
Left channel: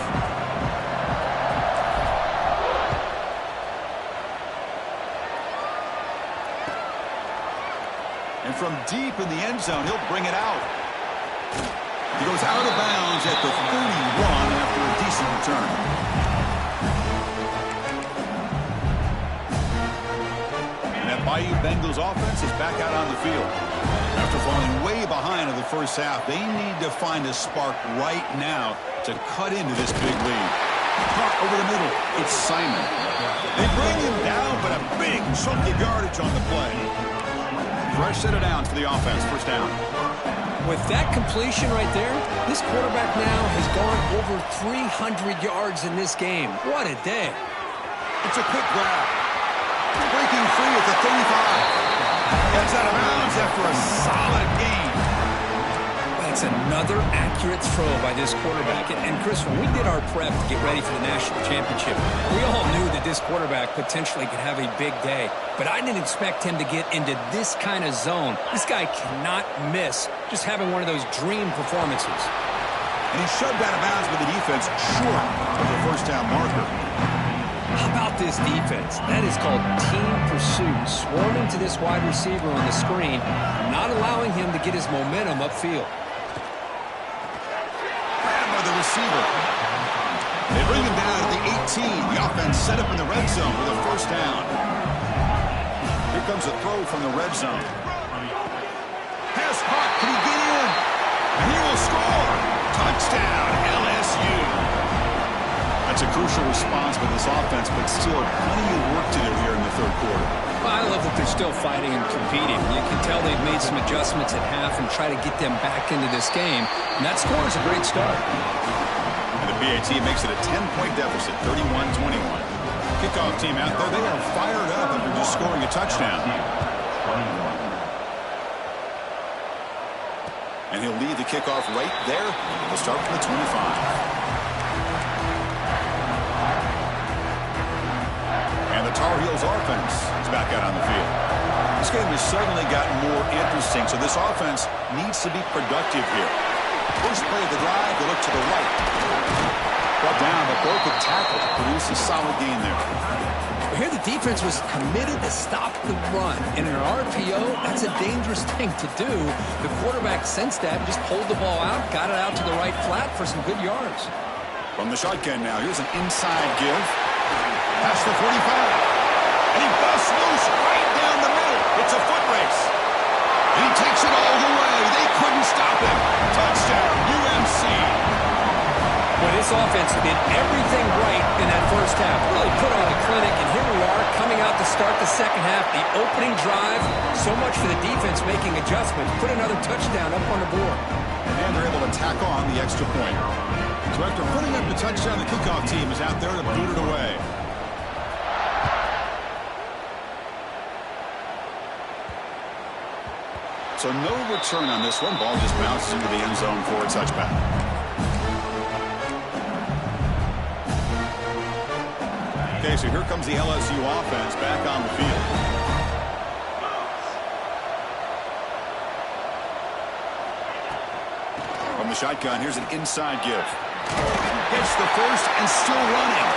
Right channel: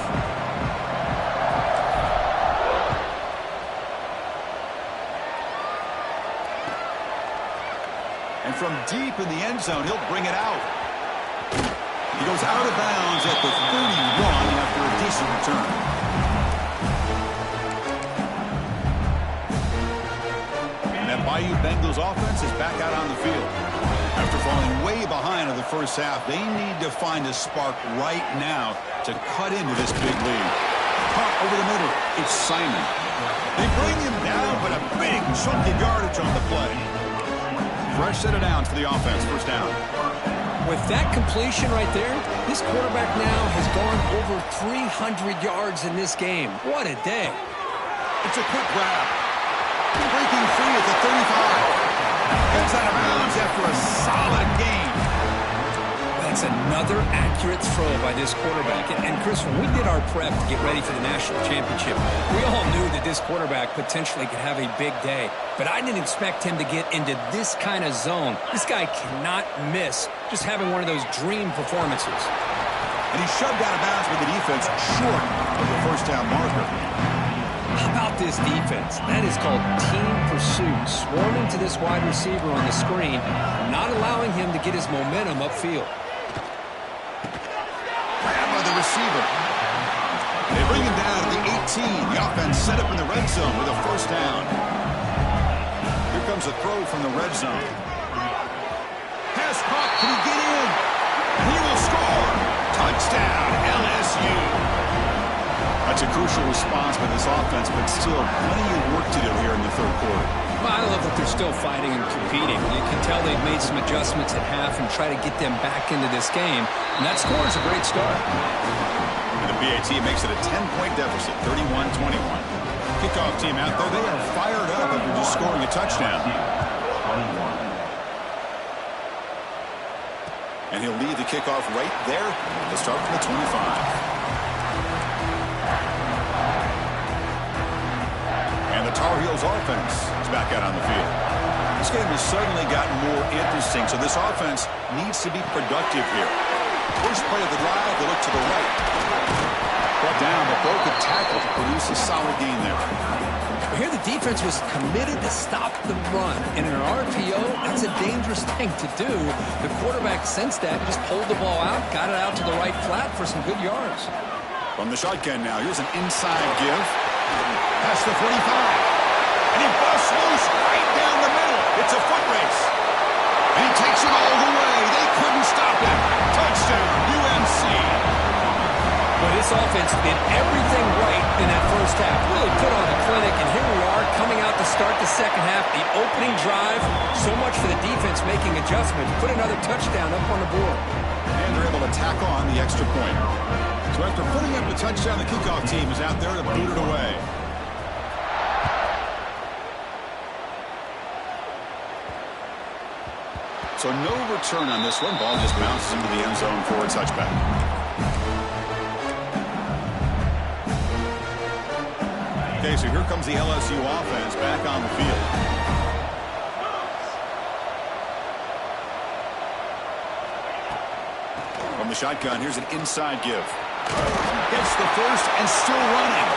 And from deep in the end zone, he'll bring it out. He goes out of bounds at the 31 after a decent return. And that Bayou Bengals offense is back out on the field. After falling way behind in the first half, they need to find a spark right now to cut into this big lead. Caught over the middle. It's Simon. They bring him down, but a big chunk of yardage on the play. Fresh set of downs for the offense. First down. With that completion right there, this quarterback now has gone over 300 yards in this game. What a day. It's a quick grab. Breaking free at the 35. Gets out of bounds after a solid gain. That's another accurate throw by this quarterback. And Chris, when we did our prep to get ready for the national championship, we all knew that this quarterback potentially could have a big day. But I didn't expect him to get into this kind of zone. This guy cannot miss just having one of those dream performances. And he shoved out of bounds with the defense short of the first down marker. How about this defense? That is called team pursuit. Swarming to this wide receiver on the screen, not allowing him to get his momentum upfield. to the receiver. They bring him down to the 18. The offense set up in the red zone with a first down. Here comes a throw from the red zone. Pass caught. Can he get in? And he will score. Touchdown, LSU. That's a crucial response by this offense, but still plenty of work to do here in the third quarter. Well, I love that they're still fighting and competing. You can tell they've made some adjustments at half and try to get them back into this game. And that score is a great start. And the PAT makes it a 10-point deficit, 31-21. Kickoff team out there, they are fired up after just scoring a touchdown. And he'll lead the kickoff right there. They'll start from the 25. And the Tar Heels offense is back out on the field. This game has suddenly gotten more interesting, so this offense needs to be productive here. First play of the drive, they look to the right. Brought down, but broke a tackle to produce a solid gain there. Here the defense was committed to stop the run. And in an RPO, that's a dangerous thing to do. The quarterback sensed that, just pulled the ball out, got it out to the right flat for some good yards. From the shotgun now, here's an inside give. Past the 45. And he busts loose right down the middle. It's a foot race. And he takes it all the way. They couldn't stop him. Touchdown, UNC. Well, this offense did everything right in that first half. Really put on a clinic, and here we are coming out to start the second half. The opening drive, so much for the defense making adjustments. Put another touchdown up on the board. And they're able to tackle on the extra point. So after putting up the touchdown, the kickoff team is out there to boot it away. So no return on this one. Ball just bounces into the end zone for a touchback. Okay, so here comes the LSU offense back on the field. From the shotgun, here's an inside give. Gets the first and still running.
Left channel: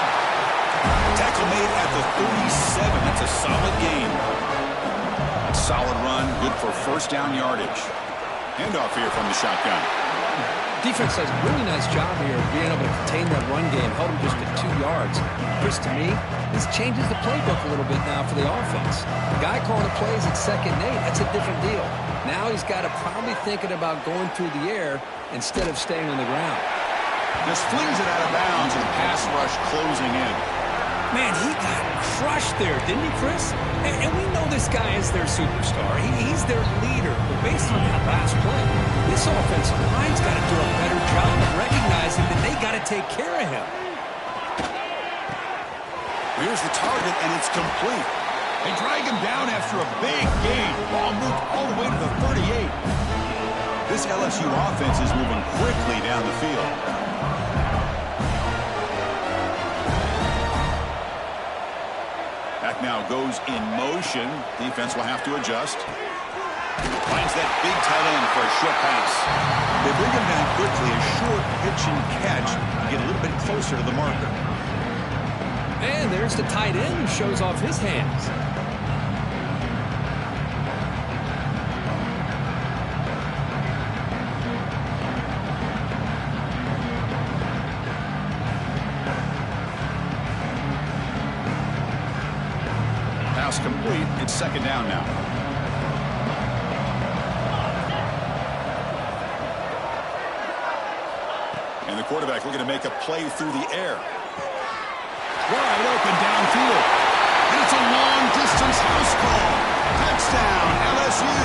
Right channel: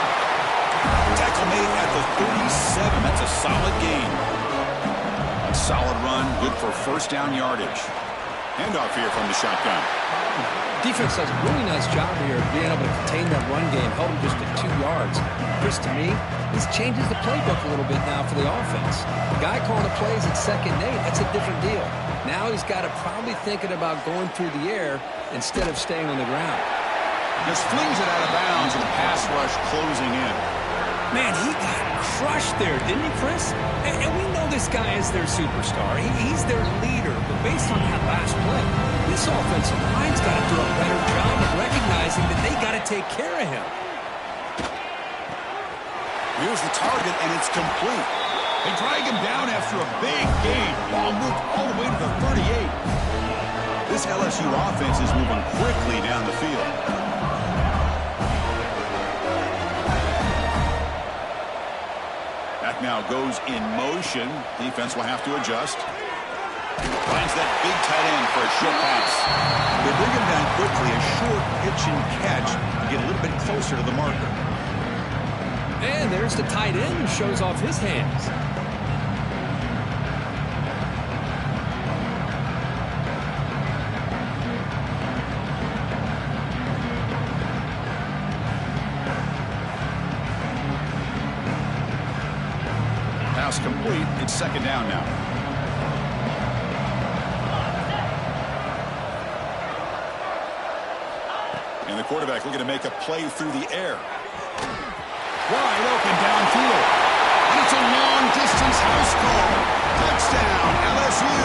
Tackle made at the 37. That's a solid gain. A solid run, good for first down yardage. Handoff here from the shotgun. Defense does a really nice job here of being able to contain that run game, held him just at 2 yards. Chris, to me, this changes the playbook a little bit now for the offense. The guy calling the plays at 2nd and 8, that's a different deal. Now he's got to probably thinking about going through the air instead of staying on the ground. Just flings it out of bounds with a pass rush closing in. Man, he got crushed there, didn't he, Chris? And we know this guy is their superstar. He's their leader. But based on that last play, this offensive line's got to do a better job of recognizing that they got to take care of him. Here's the target, and it's complete. They drag him down after a big gain. Ball moved all the way to the 38. This LSU offense is moving quickly down the field. Back now goes in motion. Defense will have to adjust. Finds that big tight end for a short pass. They bring him down quickly. A short pitch and catch to get a little bit closer to the marker. And there's the tight end who shows off his hands. Pass complete. It's 2nd down now. And the quarterback looking to make a play through the air. Wide open downfield. And it's a long-distance house call. Touchdown, LSU.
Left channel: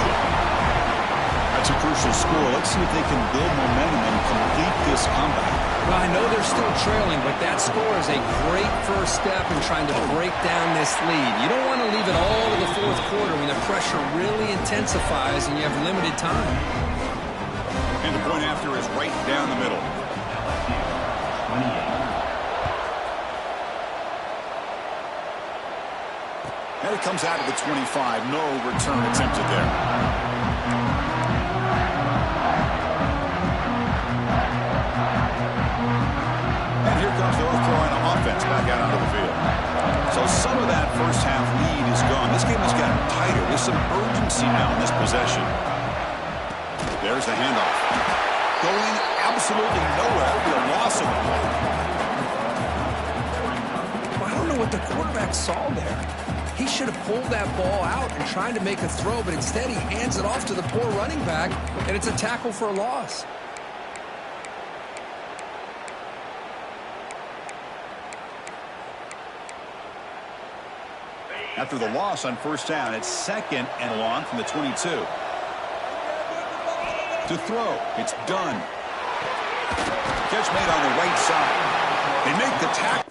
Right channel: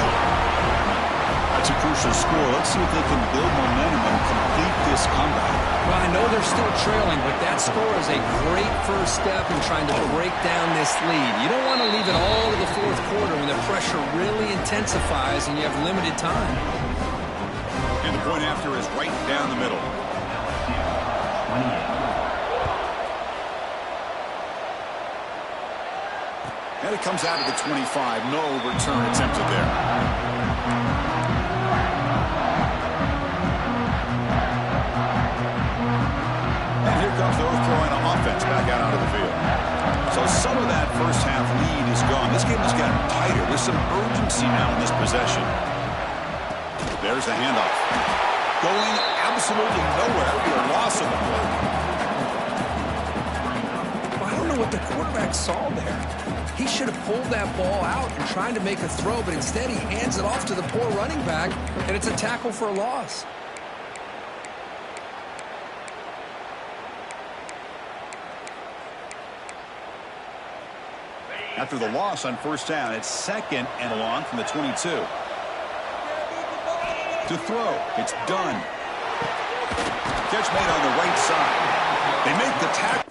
That's a crucial score. Let's see if they can build momentum and complete this comeback. Well, I know they're still trailing, but that score is a great first step in trying to break down this lead. You don't want to leave it all to the 4th quarter when the pressure really intensifies and you have limited time. And the point after is right down the middle. 28. And it comes out of the 25. No return attempted there. And here comes the North Carolina offense back out onto the field. So some of that first half lead is gone. This game has gotten tighter. There's some urgency now in this possession. There's the handoff. going absolutely nowhere. That would be a loss of the play. Well, I don't know what the quarterback saw there. He should have pulled that ball out and tried to make a throw, but instead he hands it off to the poor running back, and it's a tackle for a loss. After the loss on first down, it's 2nd and long from the 22. To throw, it's done. Catch made on the right side. They make the tackle.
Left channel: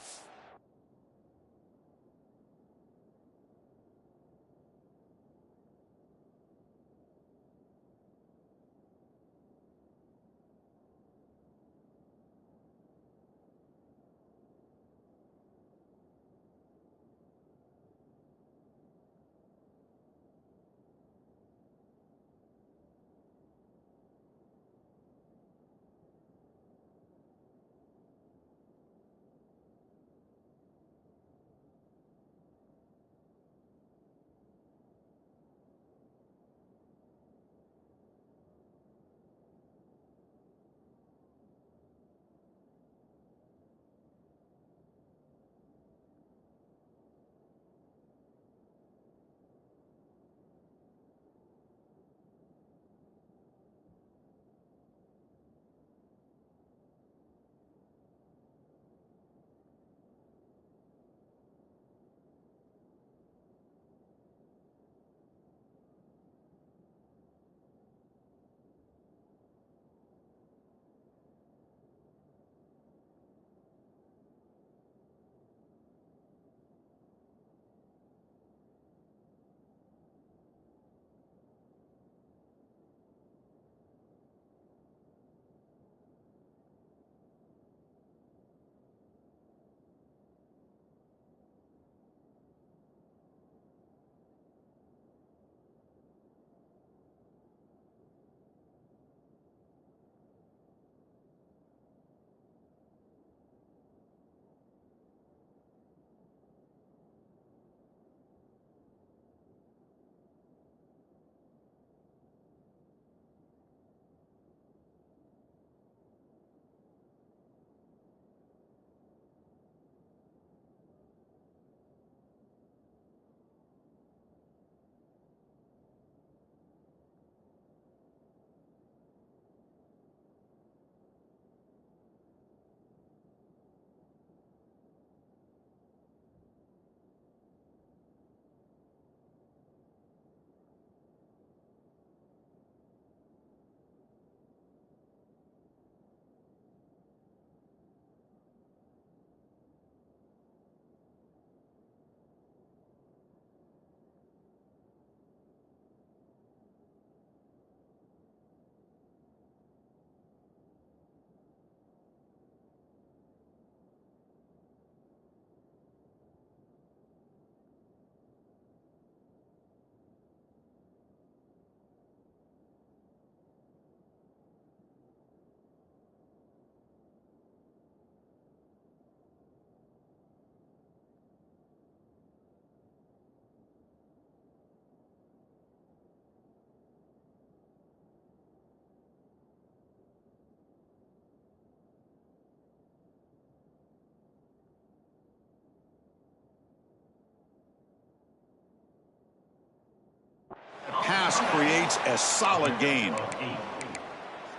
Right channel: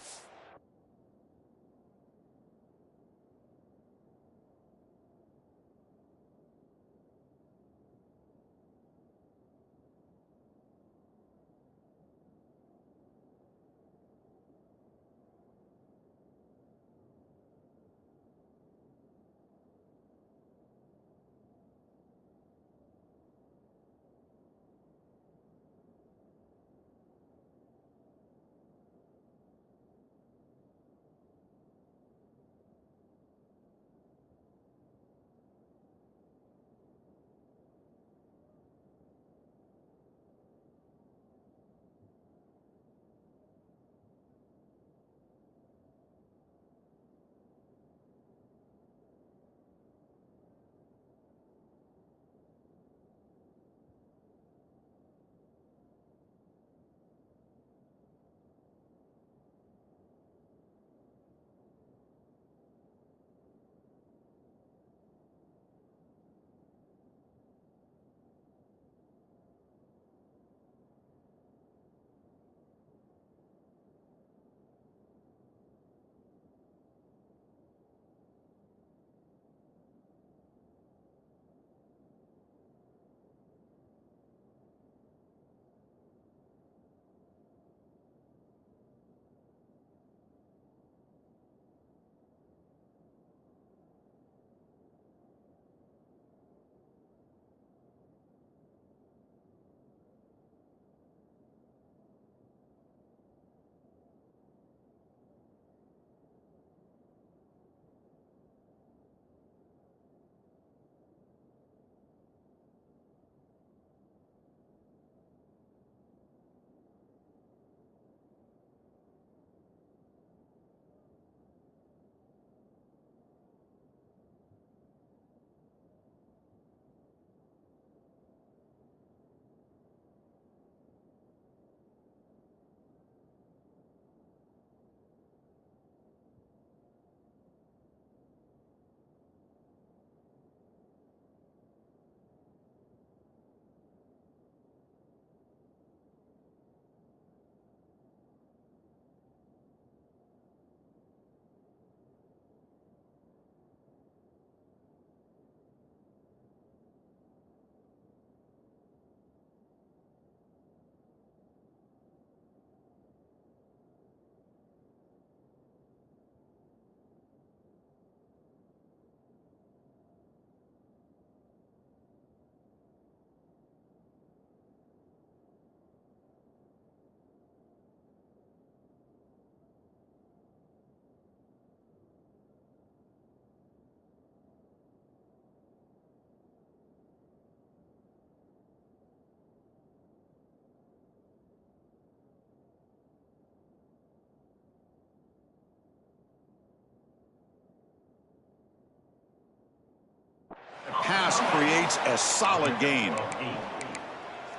Pass creates a solid gain.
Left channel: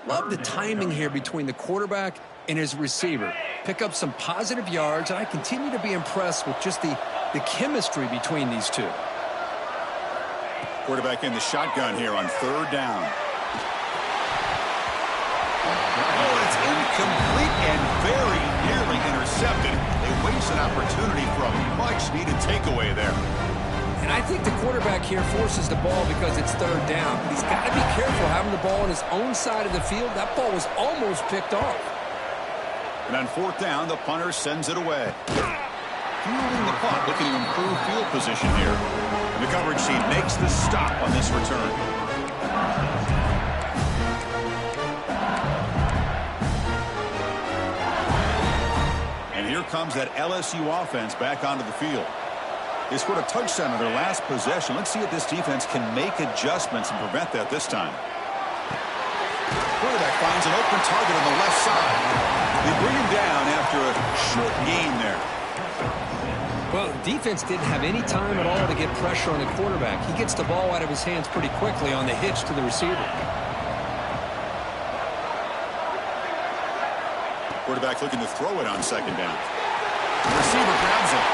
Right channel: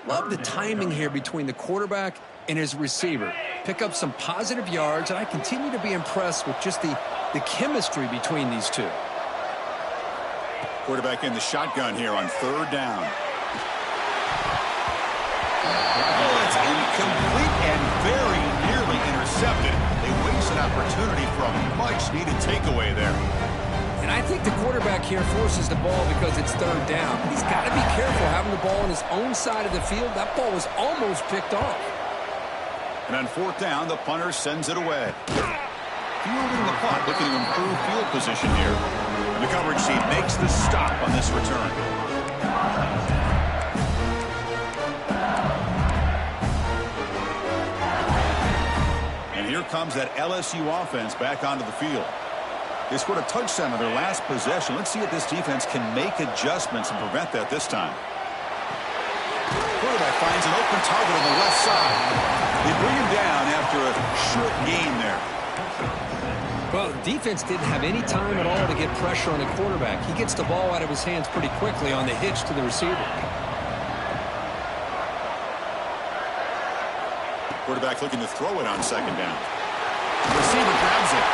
Love the timing here between the quarterback and his receiver. Pick up some positive yards, and I continue to be impressed with just the chemistry between these two. Quarterback in the shotgun here on 3rd down. Oh, it's incomplete and very nearly intercepted. They waste an opportunity for a much-needed takeaway there. And I think the quarterback here forces the ball because it's 3rd down. But he's got to be careful having the ball on his own side of the field. That ball was almost picked off. And on 4th down, the punter sends it away. Fielding the punt, looking to improve field position here. And the coverage team makes the stop on this return. And here comes that LSU offense back onto the field. They scored a touchdown on their last possession. Let's see if this defense can make adjustments and prevent that this time. quarterback finds an open target on the left side. They bring him down after a short gain there. Well, the defense didn't have any time at all to get pressure on the quarterback. He gets the ball out of his hands pretty quickly on the hitch to the receiver. Quarterback looking to throw it on second down. The receiver grabs it.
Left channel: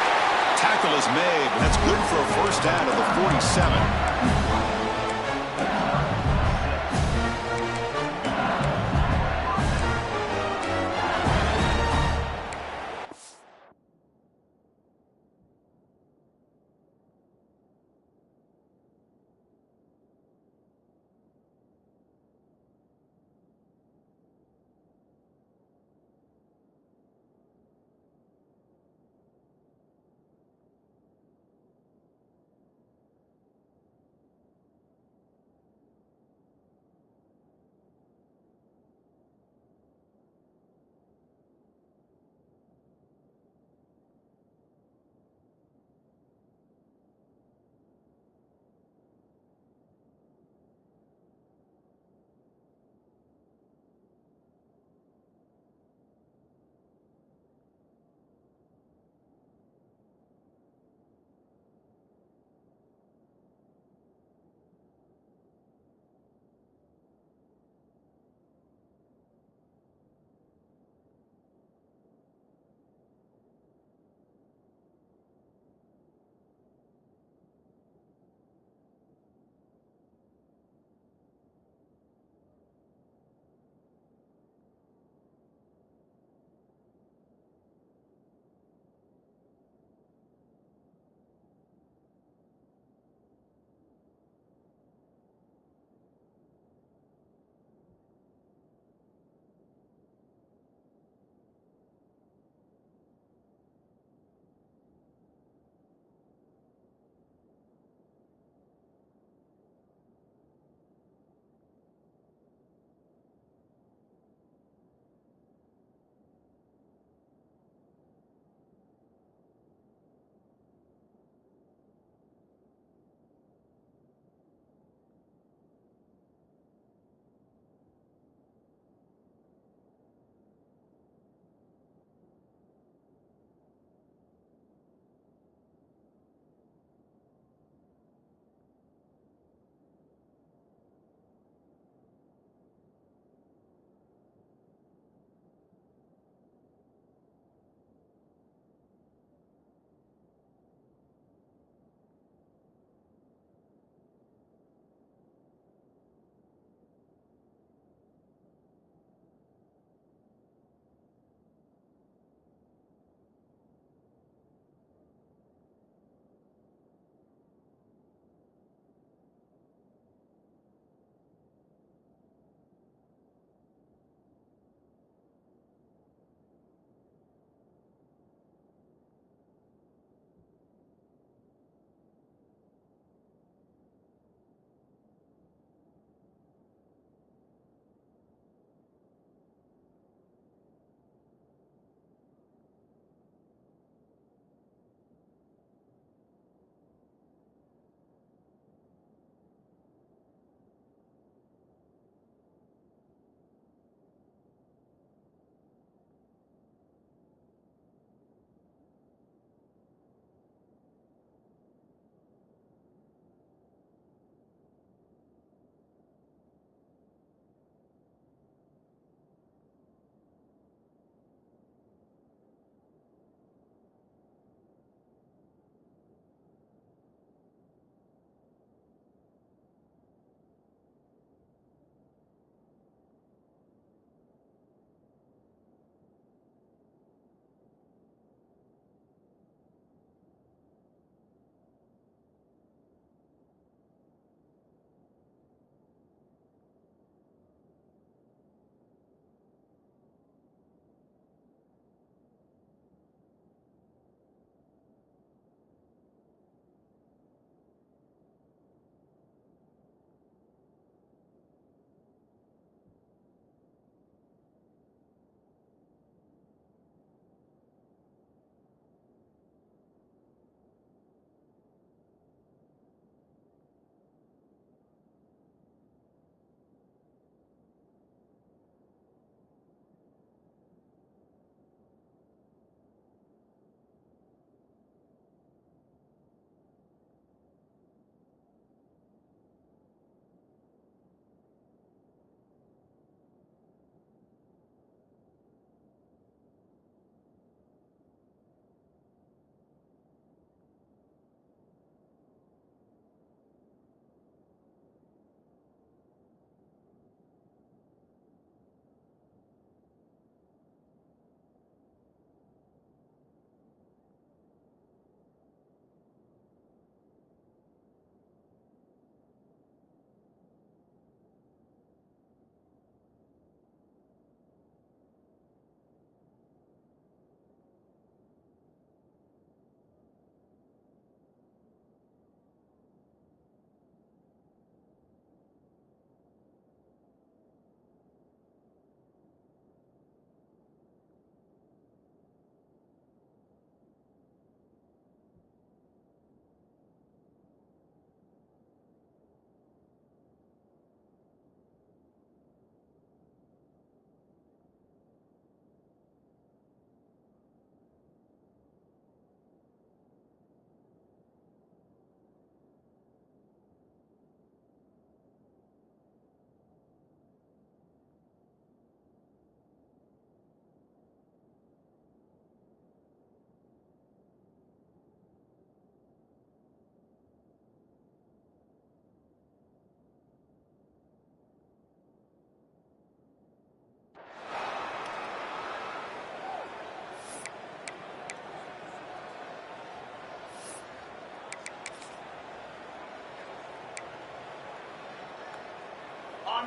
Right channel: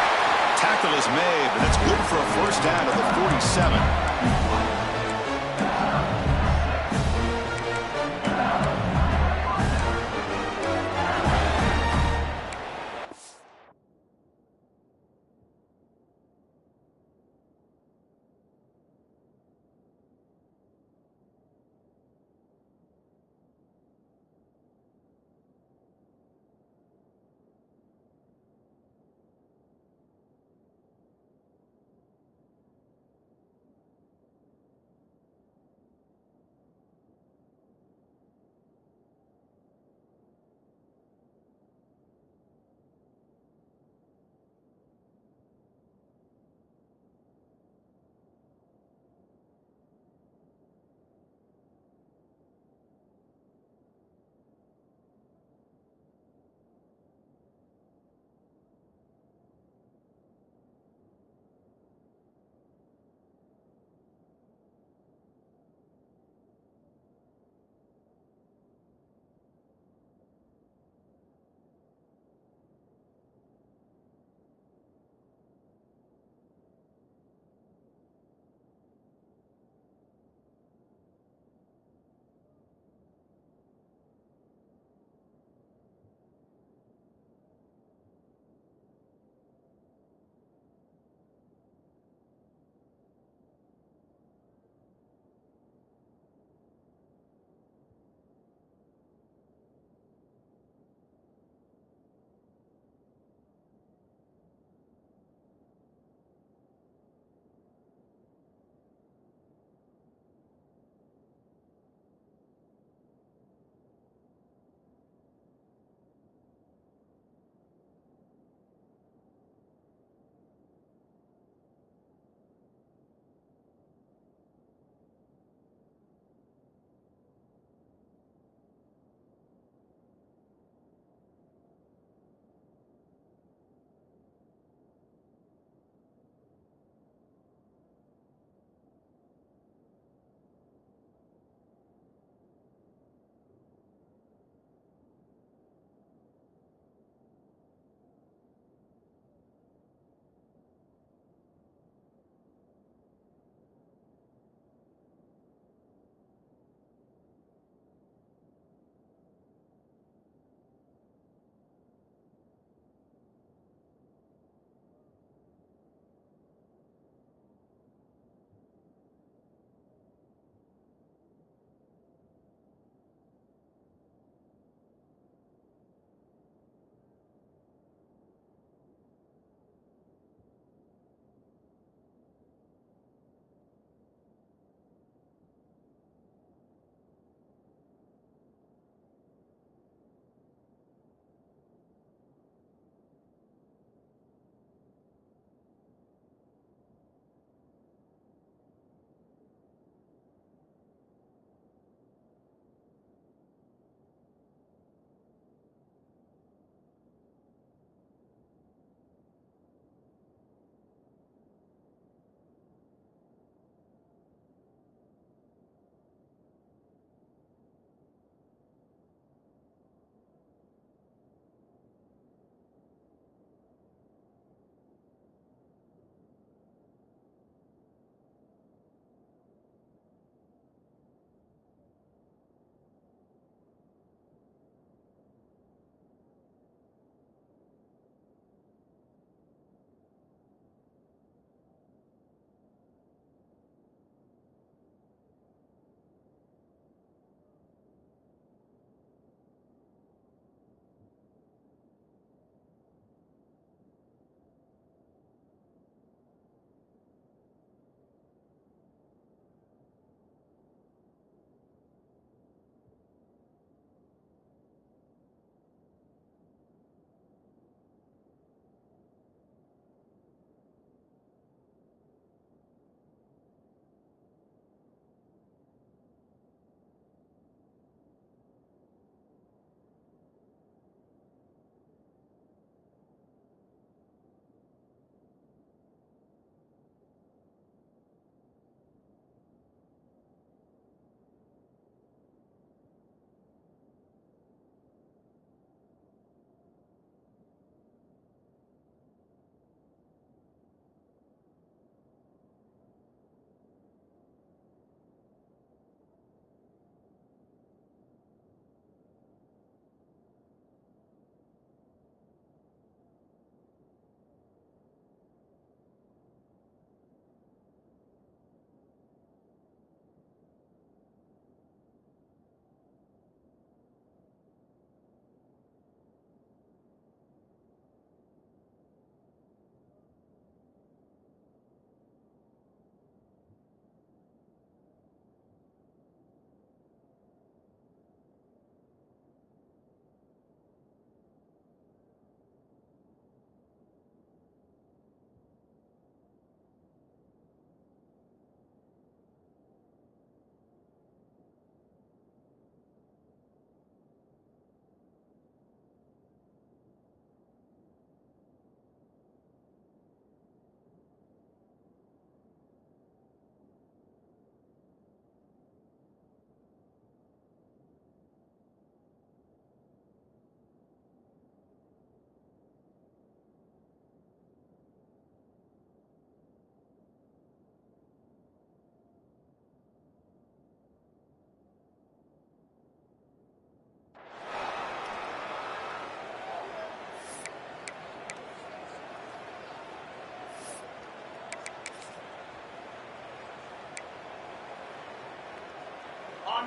Tackle is made, but that's good for a first down to the 47.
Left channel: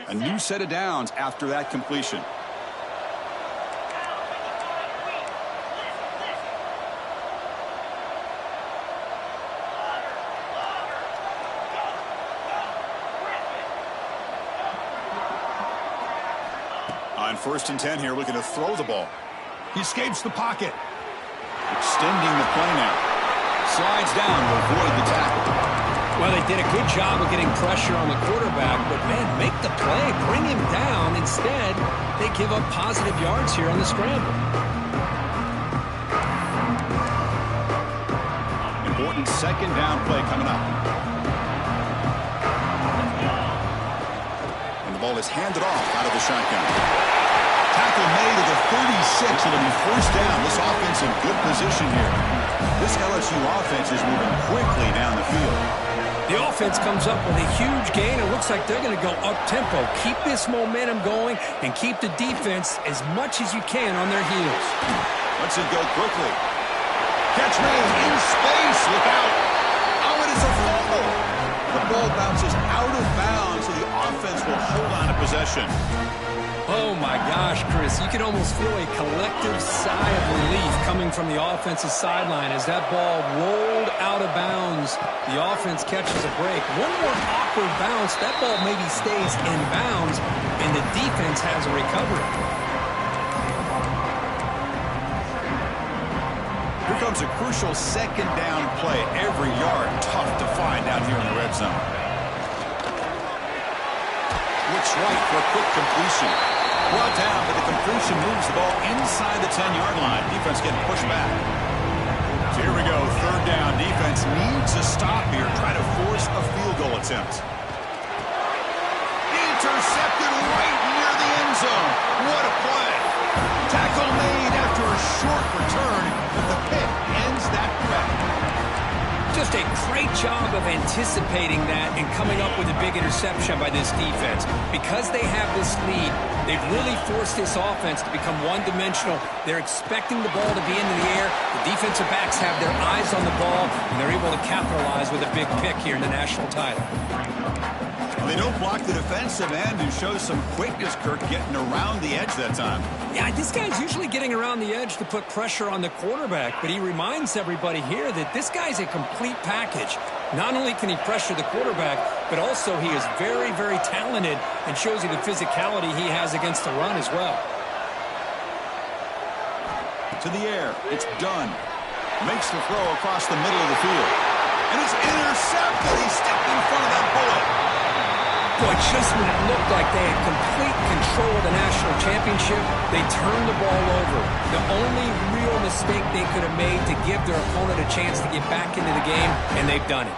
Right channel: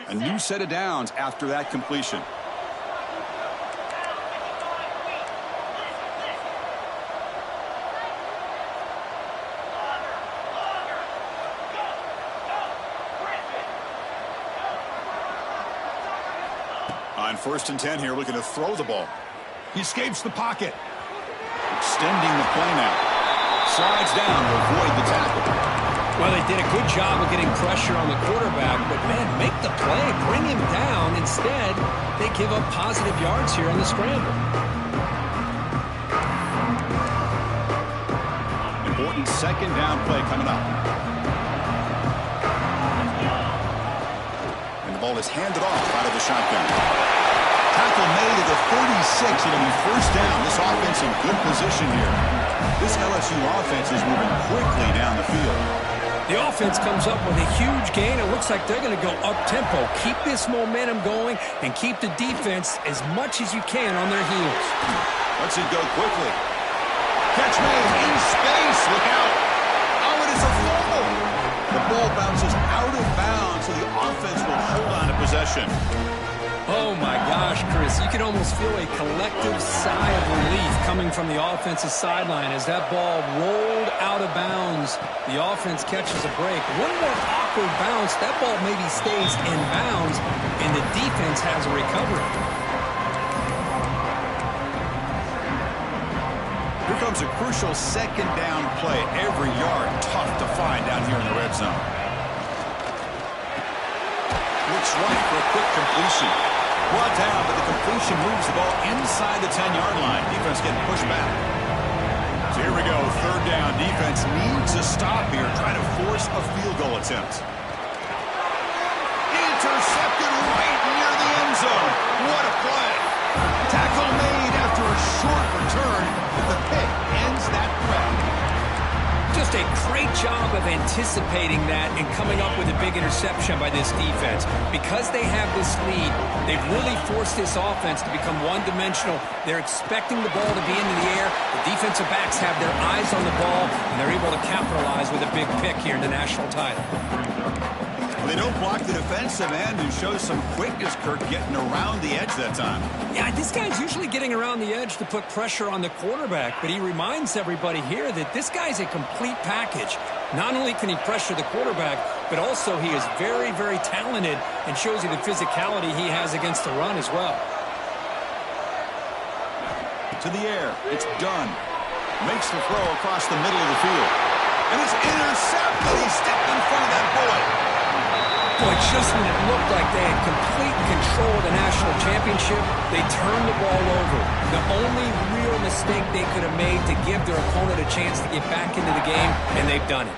A new set of downs after that completion. On 1st and 10 here, looking to throw the ball. He escapes the pocket. Extending the play now. Slides down to avoid the tackle. Well, they did a good job of getting pressure on the quarterback, but, man, make the play. Bring him down. Instead, they give up positive yards here on the scramble. Important second down play coming up. And the ball is handed off out of the shotgun. Tackle made at the 36. It'll be first down. This offense in good position here. This LSU offense is moving quickly down the field. The offense comes up with a huge gain. It looks like they're going to go up-tempo. Keep this momentum going and keep the defense as much as you can on their heels. Lets it go quickly. Catch made in space. Look out. Oh, it is a fumble. The ball bounces out of bounds, so the offense will hold on to possession. Oh, my gosh, Chris. You can almost feel a collective sigh of relief coming from the offensive sideline as that ball rolled out of bounds. The offense catches a break. One more awkward bounce. That ball maybe stays in bounds, and the defense has a recovery. Here comes a crucial second down play. Every yard tough to find down here in the red zone. Looks right for a quick completion. Brought down, but the completion moves the ball inside the 10-yard line. Defense getting pushed back. So here we go, third down. Defense needs a stop here. Try to force a field goal attempt. Intercepted right near the end zone. What a play. Tackle made after a short return, but the pick ends that threat. Just a great job of anticipating that and coming up with a big interception by this defense. Because they have this lead, they've really forced this offense to become one-dimensional. They're expecting the ball to be into the air. The defensive backs have their eyes on the ball, and they're able to capitalize with a big pick here in the national title. Well, they don't block the defensive end and show some quickness, Kirk, getting around the edge that time. Yeah, this guy's usually getting around the edge to put pressure on the quarterback, but he reminds everybody here that this guy's a complete package. Not only can he pressure the quarterback, but also he is very, very talented and shows you the physicality he has against the run as well. To the air, it's done. Makes the throw across the middle of the field. And it's intercepted. He stepped in front of that bullet. Boy, just when it looked like they had complete control of the national championship, they turned the ball over. The only real mistake they could have made to give their opponent a chance to get back into the game, and they've done it.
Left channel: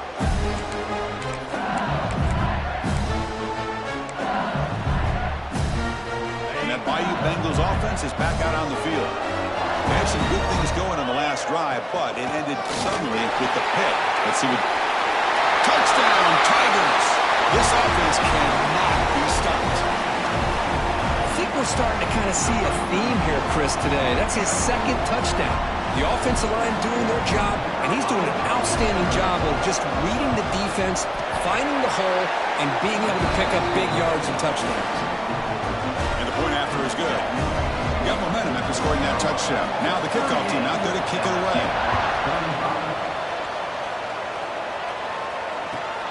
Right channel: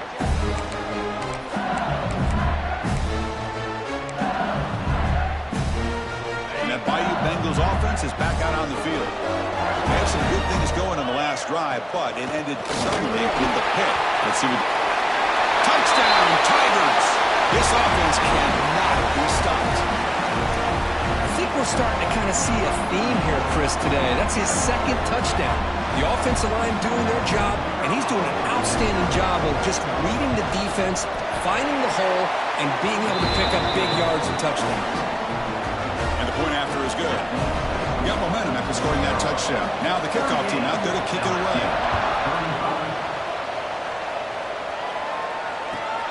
And that Bayou Bengals offense is back out on the field. They had some good things going on the last drive, but it ended suddenly with the pick. Let's see what... Touchdown, Tigers! This offense cannot be stopped. I think we're starting to kind of see a theme here, Chris, today. That's his second touchdown. The offensive line doing their job, and he's doing an outstanding job of just reading the defense, finding the hole, and being able to pick up big yards and touchdowns. And the point after is good. Got momentum after scoring that touchdown. Now the kickoff team out there to kick it away.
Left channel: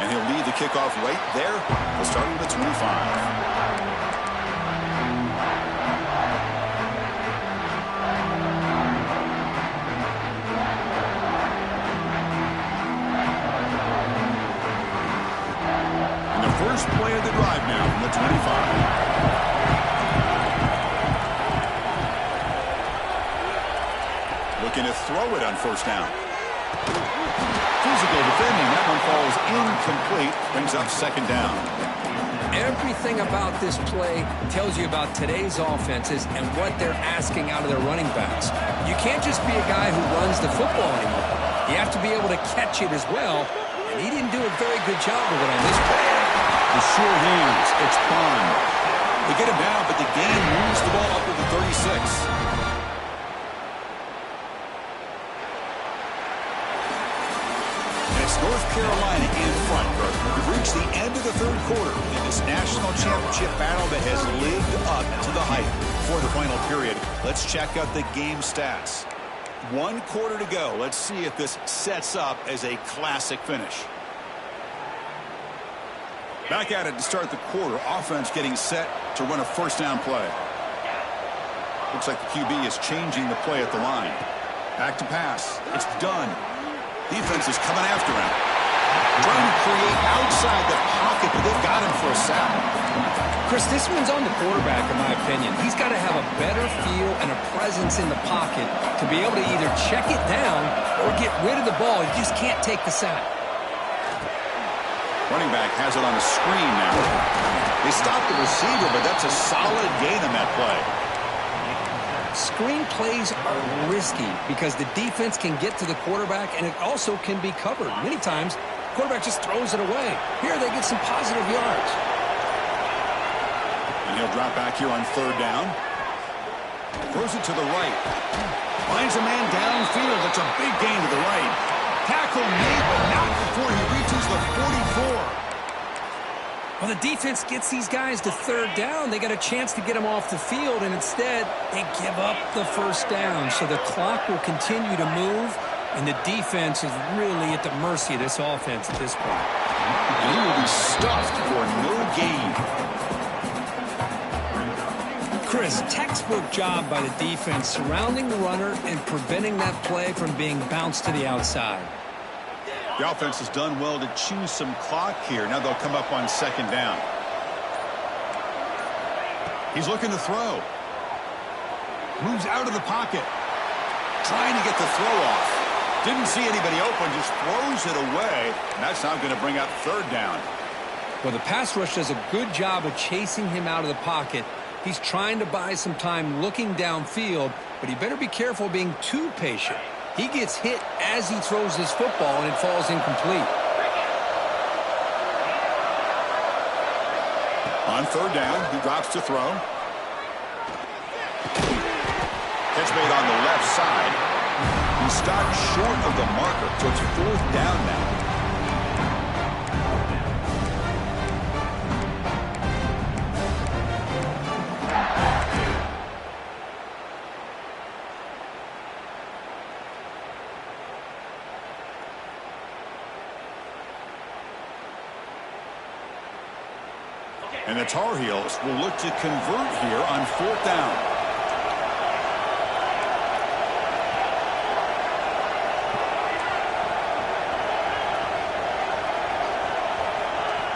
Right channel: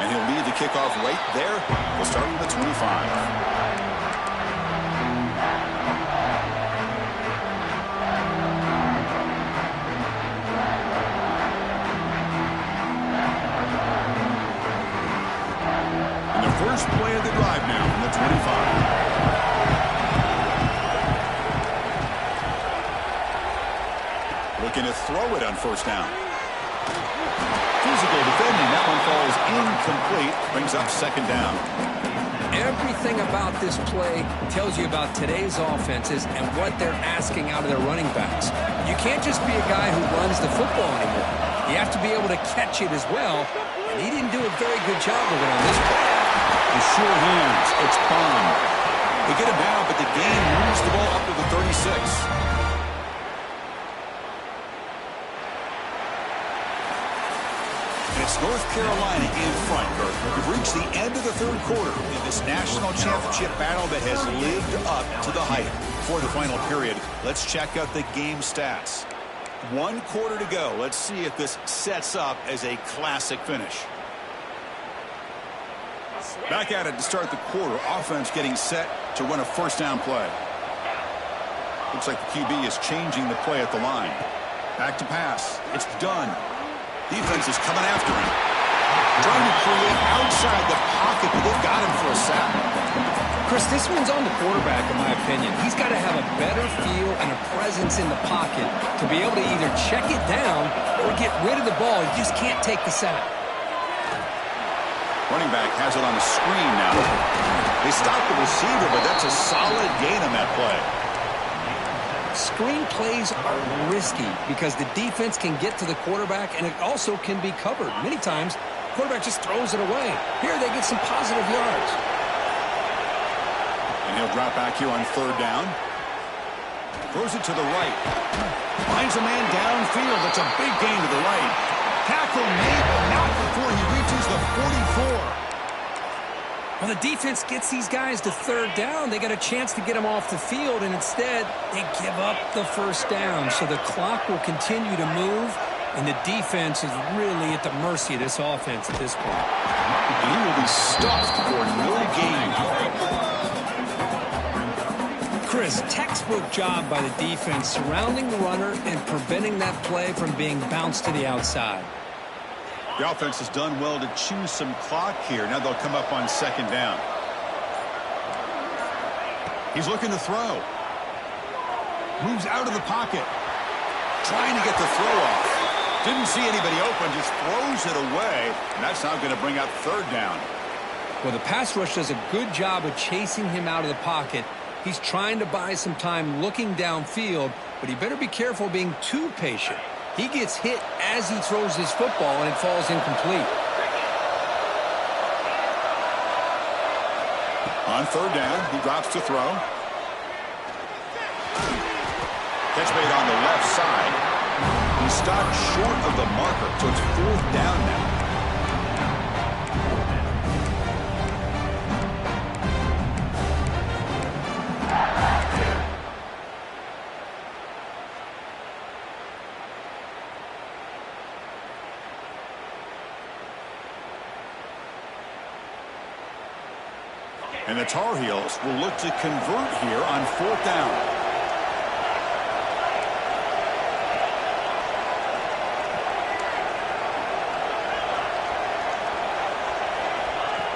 And he'll lead the kickoff right there. We'll start with the 25. And the first play of the drive now from the 25. Looking to throw it on first down. Physical defending. That one falls incomplete. Brings up second down. Everything about this play tells you about today's offenses and what they're asking out of their running backs. You can't just be a guy who runs the football anymore. You have to be able to catch it as well, and he didn't do a very good job of it on this play. The sure hands. It's Bond. They get him down, but the gain moves the ball up to the 36. Scored North Carolina in front. We've reached the end of the third quarter in this national championship battle that has lived up to the hype. For the final period, let's check out the game stats. 1 quarter to go. Let's see if this sets up as a classic finish. Back at it to start the quarter. Offense getting set to run a first down play. Looks like the QB is changing the play at the line. Back to pass. It's done. Defense is coming after him. Trying to create outside the pocket, but they've got him for a sack. Chris, this one's on the quarterback, in my opinion. He's got to have a better feel and a presence in the pocket to be able to either check it down or get rid of the ball. You just can't take the sack. Running back has it on the screen now. They stopped the receiver, but that's a solid gain on that play. Screen plays are risky because the defense can get to the quarterback, and it also can be covered. Many times, the quarterback just throws it away. Here, they get some positive yards. And he'll drop back here on third down. Throws it to the right. Finds a man downfield. It's a big gain to the right. Tackle made, but not before he reaches the 44. Well, the defense gets these guys to third down. They got a chance to get them off the field, and instead, they give up the first down. So the clock will continue to move, and the defense is really at the mercy of this offense at this point. And he will be stuffed for no gain. Chris, textbook job by the defense surrounding the runner and preventing that play from being bounced to the outside. The offense has done well to choose some clock here. Now they'll come up on second down. He's looking to throw. Moves out of the pocket. Trying to get the throw off. Didn't see anybody open, just throws it away. And that's now going to bring up third down. Well, the pass rush does a good job of chasing him out of the pocket. He's trying to buy some time looking downfield, but he better be careful being too patient. He gets hit as he throws his football, and it falls incomplete. On third down, he drops to throw. Catch made on the left side. He stopped short of the marker, so it's fourth down now. And the Tar Heels will look to convert here on fourth down.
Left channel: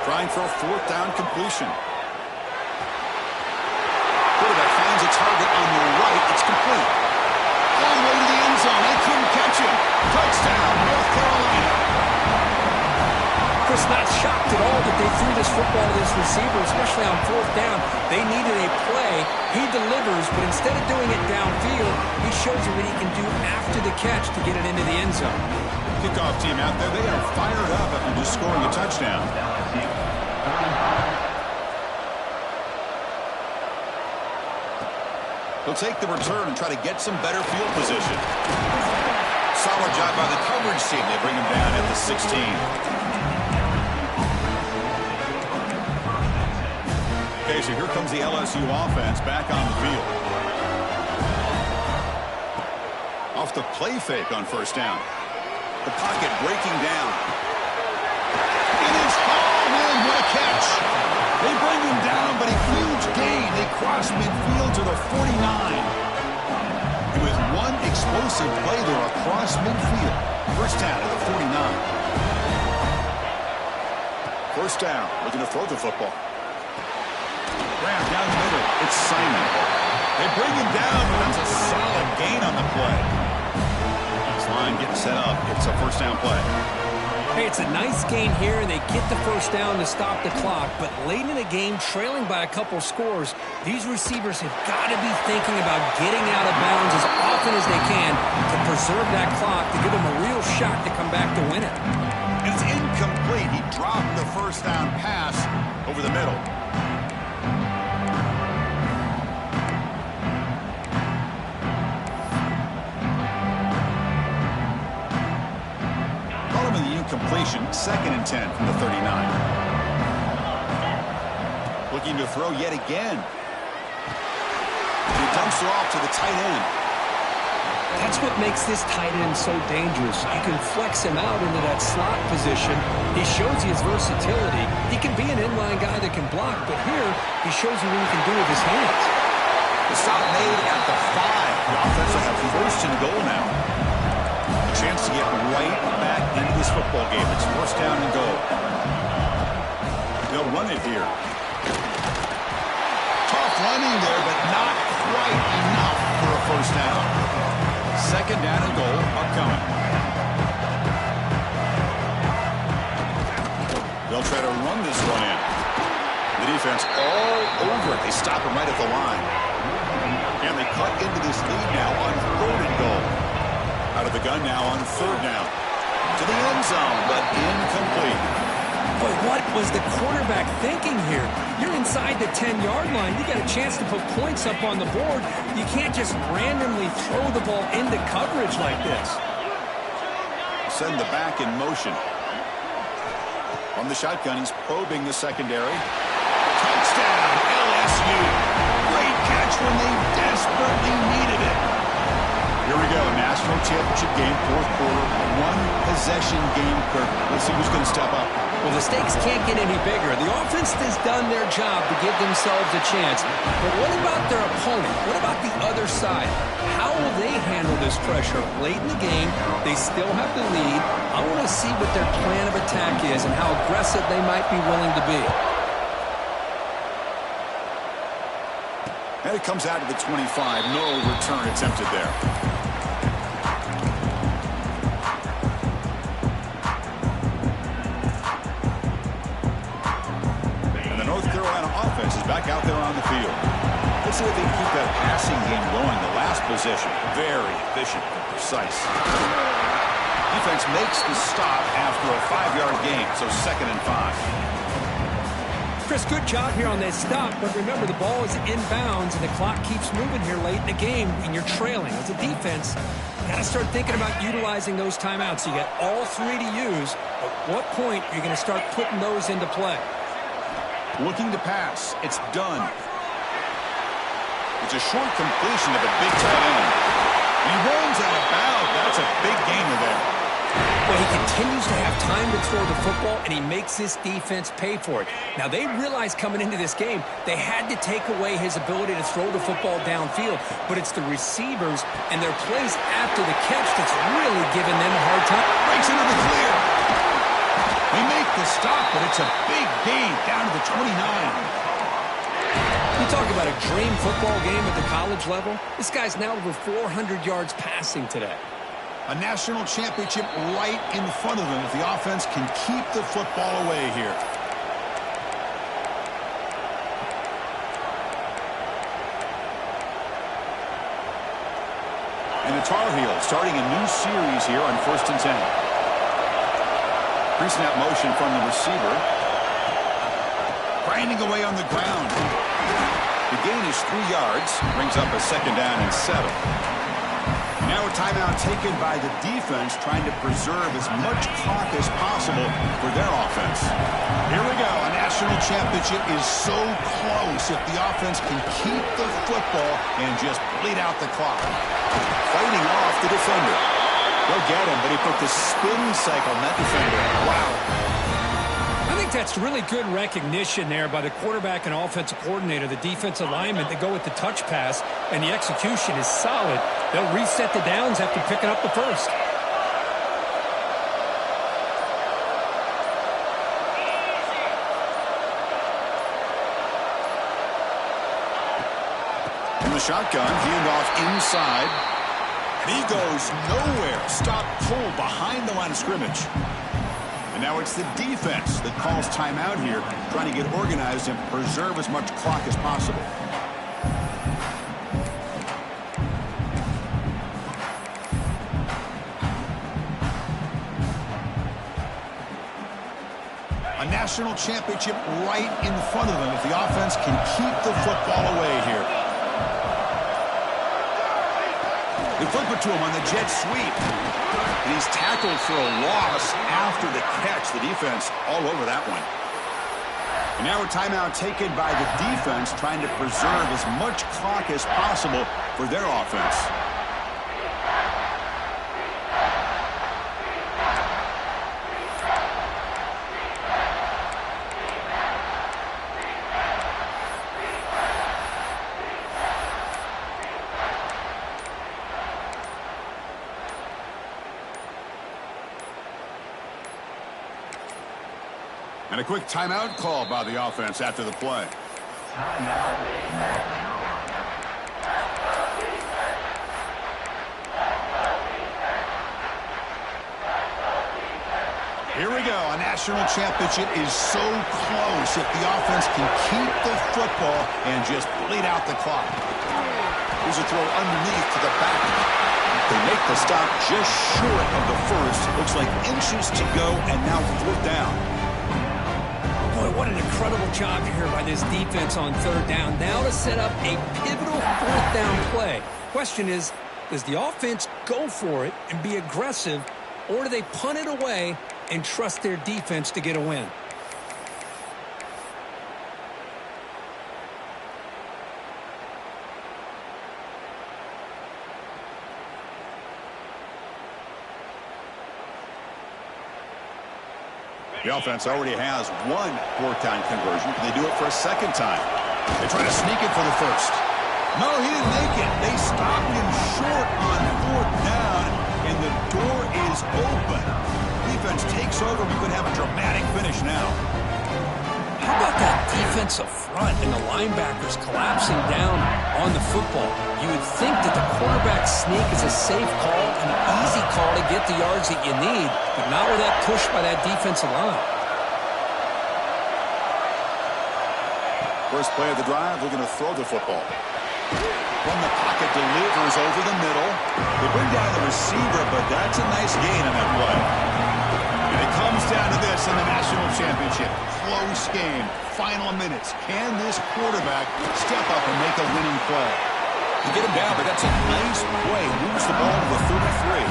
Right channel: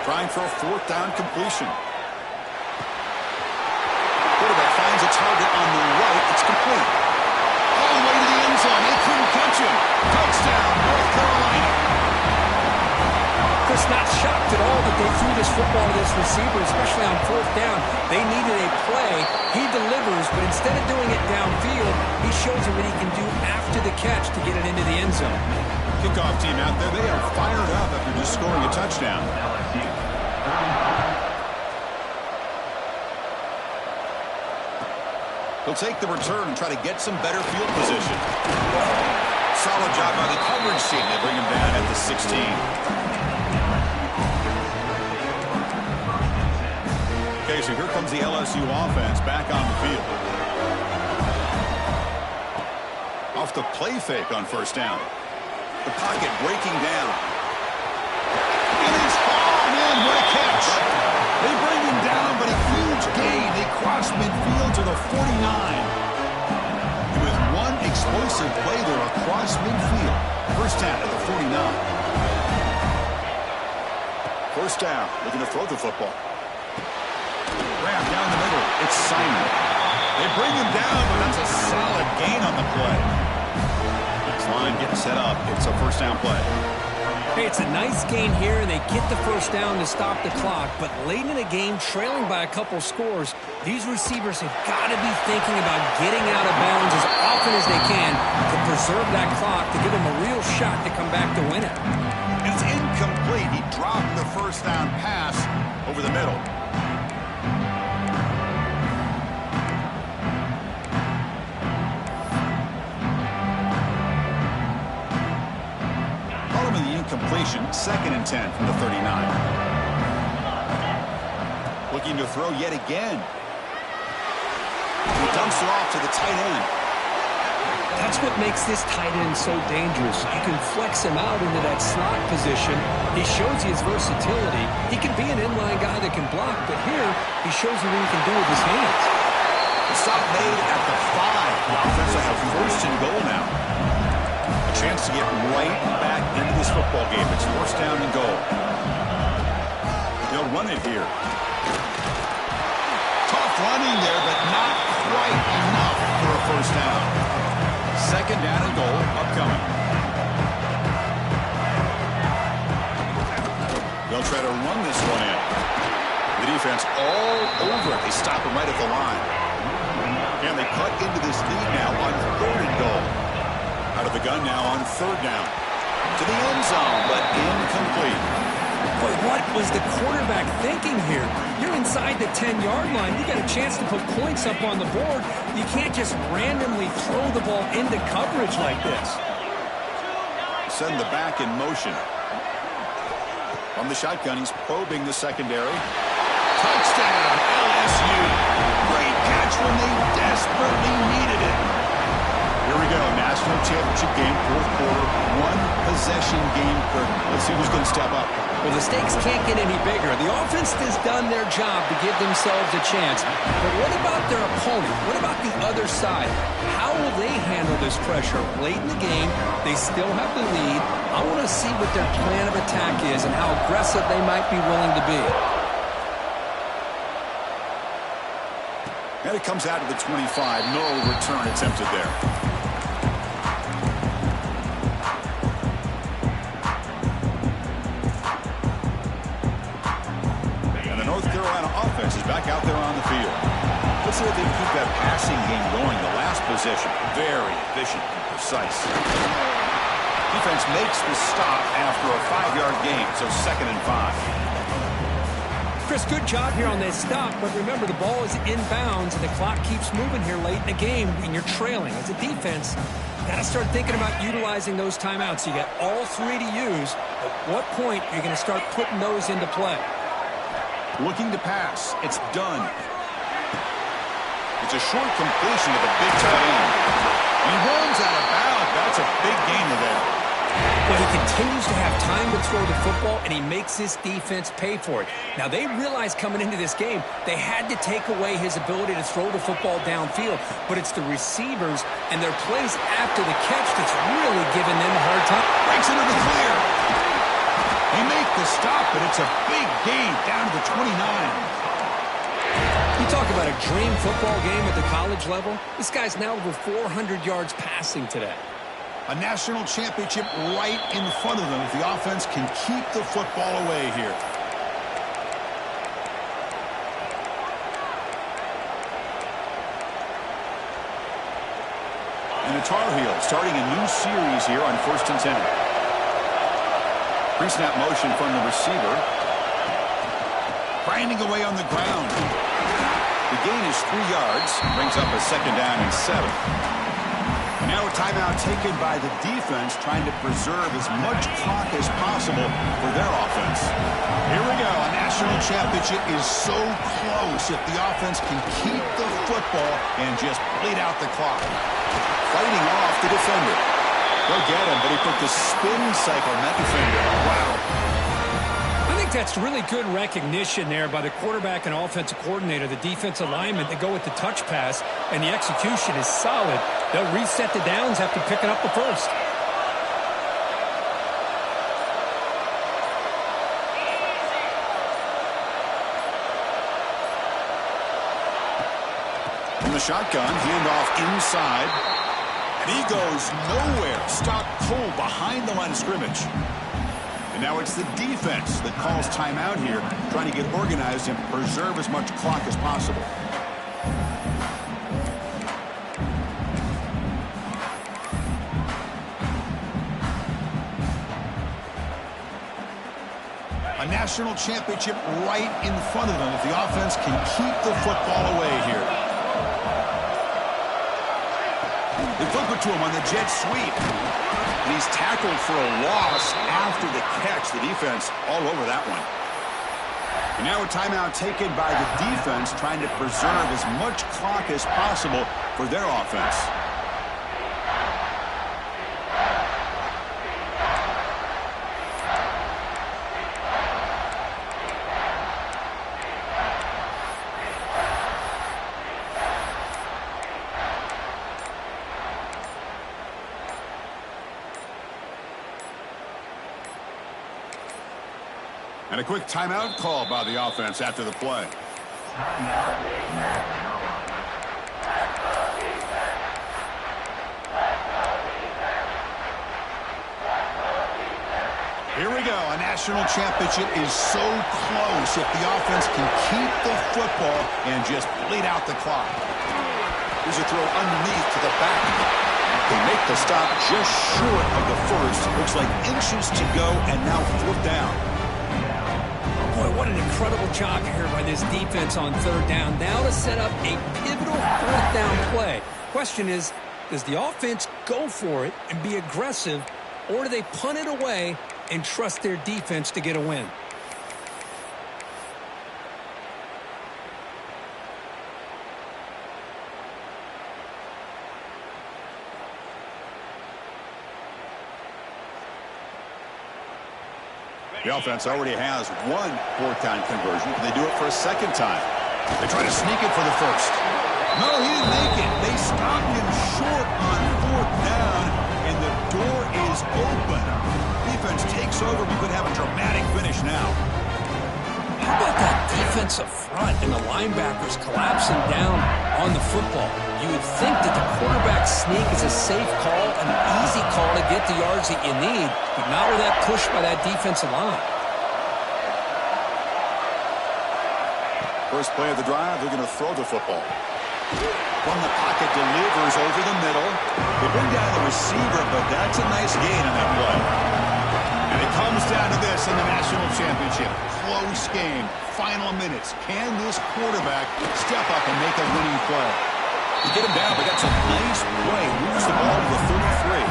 Trying for a fourth down completion. Quarterback finds a target on the right. It's complete. All the way to the end zone. They couldn't catch him. Touchdown, North Carolina. Chris, not shocked at all that they threw this football to this receiver, especially on fourth down. They needed a play. He delivers, but instead of doing it downfield, he shows you what he can do after the catch to get it into the end zone. Kickoff team out there, they are fired up after just scoring a touchdown. He'll take the return and try to get some better field position. Solid job by the coverage team. They bring him down at the 16. Okay, so here comes the LSU offense back on the field. Off the play fake on first down. The pocket breaking down. It is hauled in. What a catch. They bring him down, but a huge gain. They cross midfield to the 49. And with one explosive play there across midfield. First down at the 49. First down, looking to throw the football. Grab down the middle. It's Simon. They bring him down, but that's a solid gain on the play. This line getting set up. It's a first down play. Hey, it's a nice gain here, and they get the first down to stop the clock. But late in the game, trailing by a couple scores, these receivers have got to be thinking about getting out of bounds as often as they can to preserve that clock, to give them a real shot to come back to win it. It's incomplete. He dropped the first down pass over the middle. completion. 2nd and 10 from the 39. Looking to throw yet again. He dumps it off to the tight end. That's what makes this tight end so dangerous. You can flex him out into that slot position. He shows you his versatility. He can be an inline guy that can block, but here he shows you what he can do with his hands. The stop made at the 5. The offense will have 1st and goal now. A chance to get right back into this football game. It's 1st down and goal. They'll run it here. Tough running there, but not quite enough for a 1st down. 2nd down and goal upcoming. They'll try to run this one in. The defense all over it. They stop him right at the line. And they cut into this lead now on 3rd and goal. Out of the gun now on 3rd down. To the end zone, but incomplete. Boy, what was the quarterback thinking here? You're inside the 10-yard line. You got a chance to put points up on the board. You can't just randomly throw the ball into coverage like this. Send the back in motion. From the shotgun, he's probing the secondary. Touchdown, LSU. Great catch when they desperately needed it. Here we go, national championship game, 4th quarter, 1-possession game, Kirk. Let's see who's going to step up. Well, the stakes can't get any bigger. The offense has done their job to give themselves a chance. But what about their opponent? What about the other side? How will they handle this pressure? Late in the game, they still have the lead. I want to see what their plan of attack is and how aggressive they might be willing to be. And it comes out to the 25. No return attempted there. Offense is back out there on the field. Let's see if they can keep that passing game going. The last possession, very efficient and precise. Defense makes the stop after a 5-yard gain, so 2nd and 5. Chris, good job here on that stop, but remember the ball is inbounds and the clock keeps moving here late in the game and you're trailing. As a defense, you got to start thinking about utilizing those timeouts. You got all 3 to use. At what point are you going to start putting those into play? Looking to pass. It's done. It's a short completion to the big tight end. And he runs out of bounds. That's a big gainer there. Well, he continues to have time to throw the football, and he makes this defense pay for it. Now, they realized coming into this game they had to take away his ability to throw the football downfield, but it's the receivers and their plays after the catch that's really giving them a hard time. Breaks into the clear. They make the stop, but it's a big gain down to the 29. You talk about a dream football game at the college level. This guy's now over 400 yards passing today. A national championship right in front of them if the offense can keep the football away here. And the Tar Heels starting a new series here on 1st and 10. Pre-snap motion from the receiver. Grinding away on the ground. The gain is 3 yards. Brings up a 2nd down and 7. Now a timeout taken by the defense, trying to preserve as much clock as possible for their offense. Here we go. A national championship is so close if the offense can keep the football and just bleed out the clock. Fighting off the defender. They'll get him, but he put the spin cycle on that defender. Wow. I think that's really good recognition there by the quarterback and offensive coordinator, the defensive lineman, to go with the touch pass, and the execution is solid. They'll reset the downs after picking up the first. From the shotgun, handoff inside. And he goes nowhere. Stopped cold behind the line of scrimmage. And now it's the defense that calls timeout here, trying to get organized and preserve as much clock as possible. A national championship right in front of them if the offense can keep the football away here. They flip it to him on the jet sweep. And he's tackled for a loss after the catch. The defense all over that one. And now a timeout taken by the defense, trying to preserve as much clock as possible for their offense. And a quick timeout call by the offense after the play. Here we go. A national championship is so close if the offense can keep the football and just bleed out the clock. Here's a throw underneath to the back. They make the stop just short of the first. Looks like inches to go, and now 4th down. Boy, what an incredible job here by this defense on 3rd down. Now to set up a pivotal 4th down play. Question is, does the offense go for it and be aggressive, or do they punt it away and trust their defense to get a win? The offense already has one 4th down conversion. Can they do it for a 2nd time? They try to sneak it for the first. No, he didn't make it. They stopped him short on 4th down, and the door is open. Defense takes over. We could have a dramatic finish now. How about that defensive front and the linebackers collapsing down on the football? You would think that the quarterback sneak is a safe call, an easy call to get the yards that you need, but not with that push by that defensive line. First play of the drive, they're going to throw the football. From the pocket, delivers over the middle. They bring down the receiver, but that's a nice gain on that play. And it comes down to this in the national championship. Close game, final minutes. Can this quarterback step up and make a winning play? You get him down, but that's a nice play. Moves the ball to the 33.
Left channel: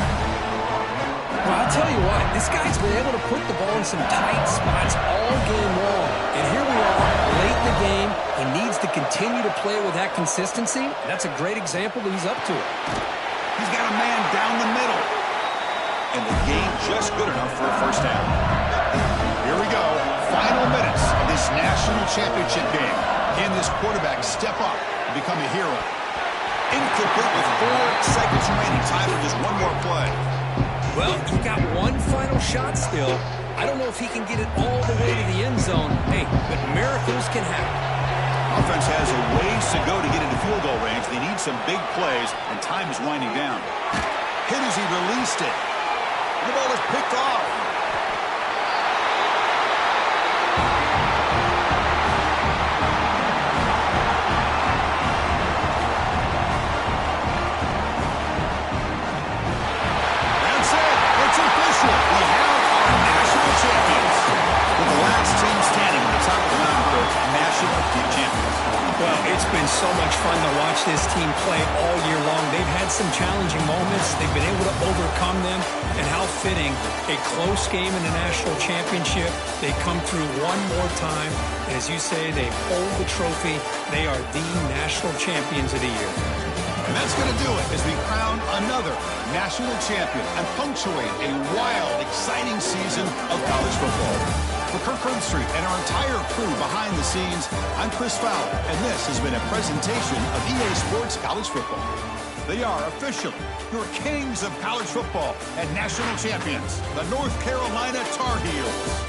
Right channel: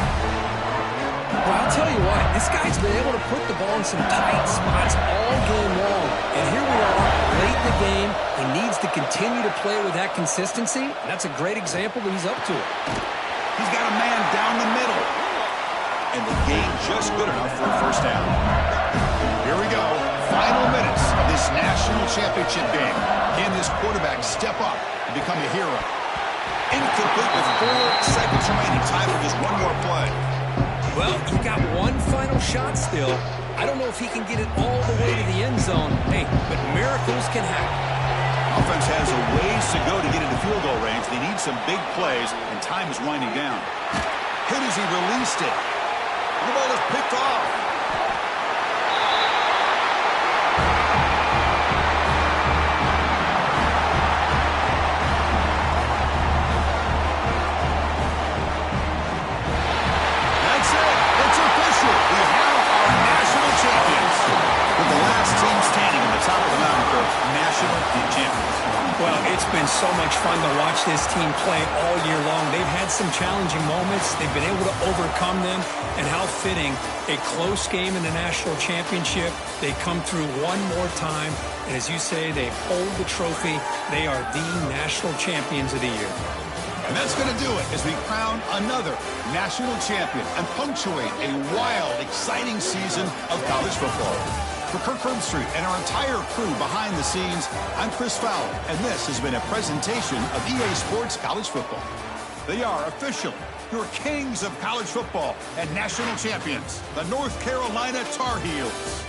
Well, I'll tell you what, this guy's been able to put the ball in some tight spots all game long. And here we are, late in the game. He needs to continue to play with that consistency. And that's a great example that he's up to it. He's got a man down the middle. And the gain just good enough for a 1st down. Here we go. Final minutes of this national championship game. Can this quarterback step up and become a hero? Incomplete with 4 seconds remaining. Time for just one more play. Well, you got one final shot still. I don't know if he can get it all the way to the end zone. Hey, but miracles can happen. Offense has a ways to go to get into field goal range. They need some big plays, and time is winding down. Hit as he released it. The ball is picked off. That's it. It's official. We have our national champions. With the last team standing on the top of the mountain for national champions. Well, it's been so much fun to watch this team play all year long. They've had some challenging moments. They've been able to overcome them. And how fitting, a close game in the national championship. They come through one more time. And as you say, they hold the trophy. They are the national champions of the year. And that's going to do it as we crown another national champion and punctuate a wild, exciting season of college football. For Kirk Herbstreit and our entire crew behind the scenes, I'm Chris Fowler, and this has been a presentation of EA Sports College Football. They are officially your kings of college football and national champions, the North Carolina Tar Heels.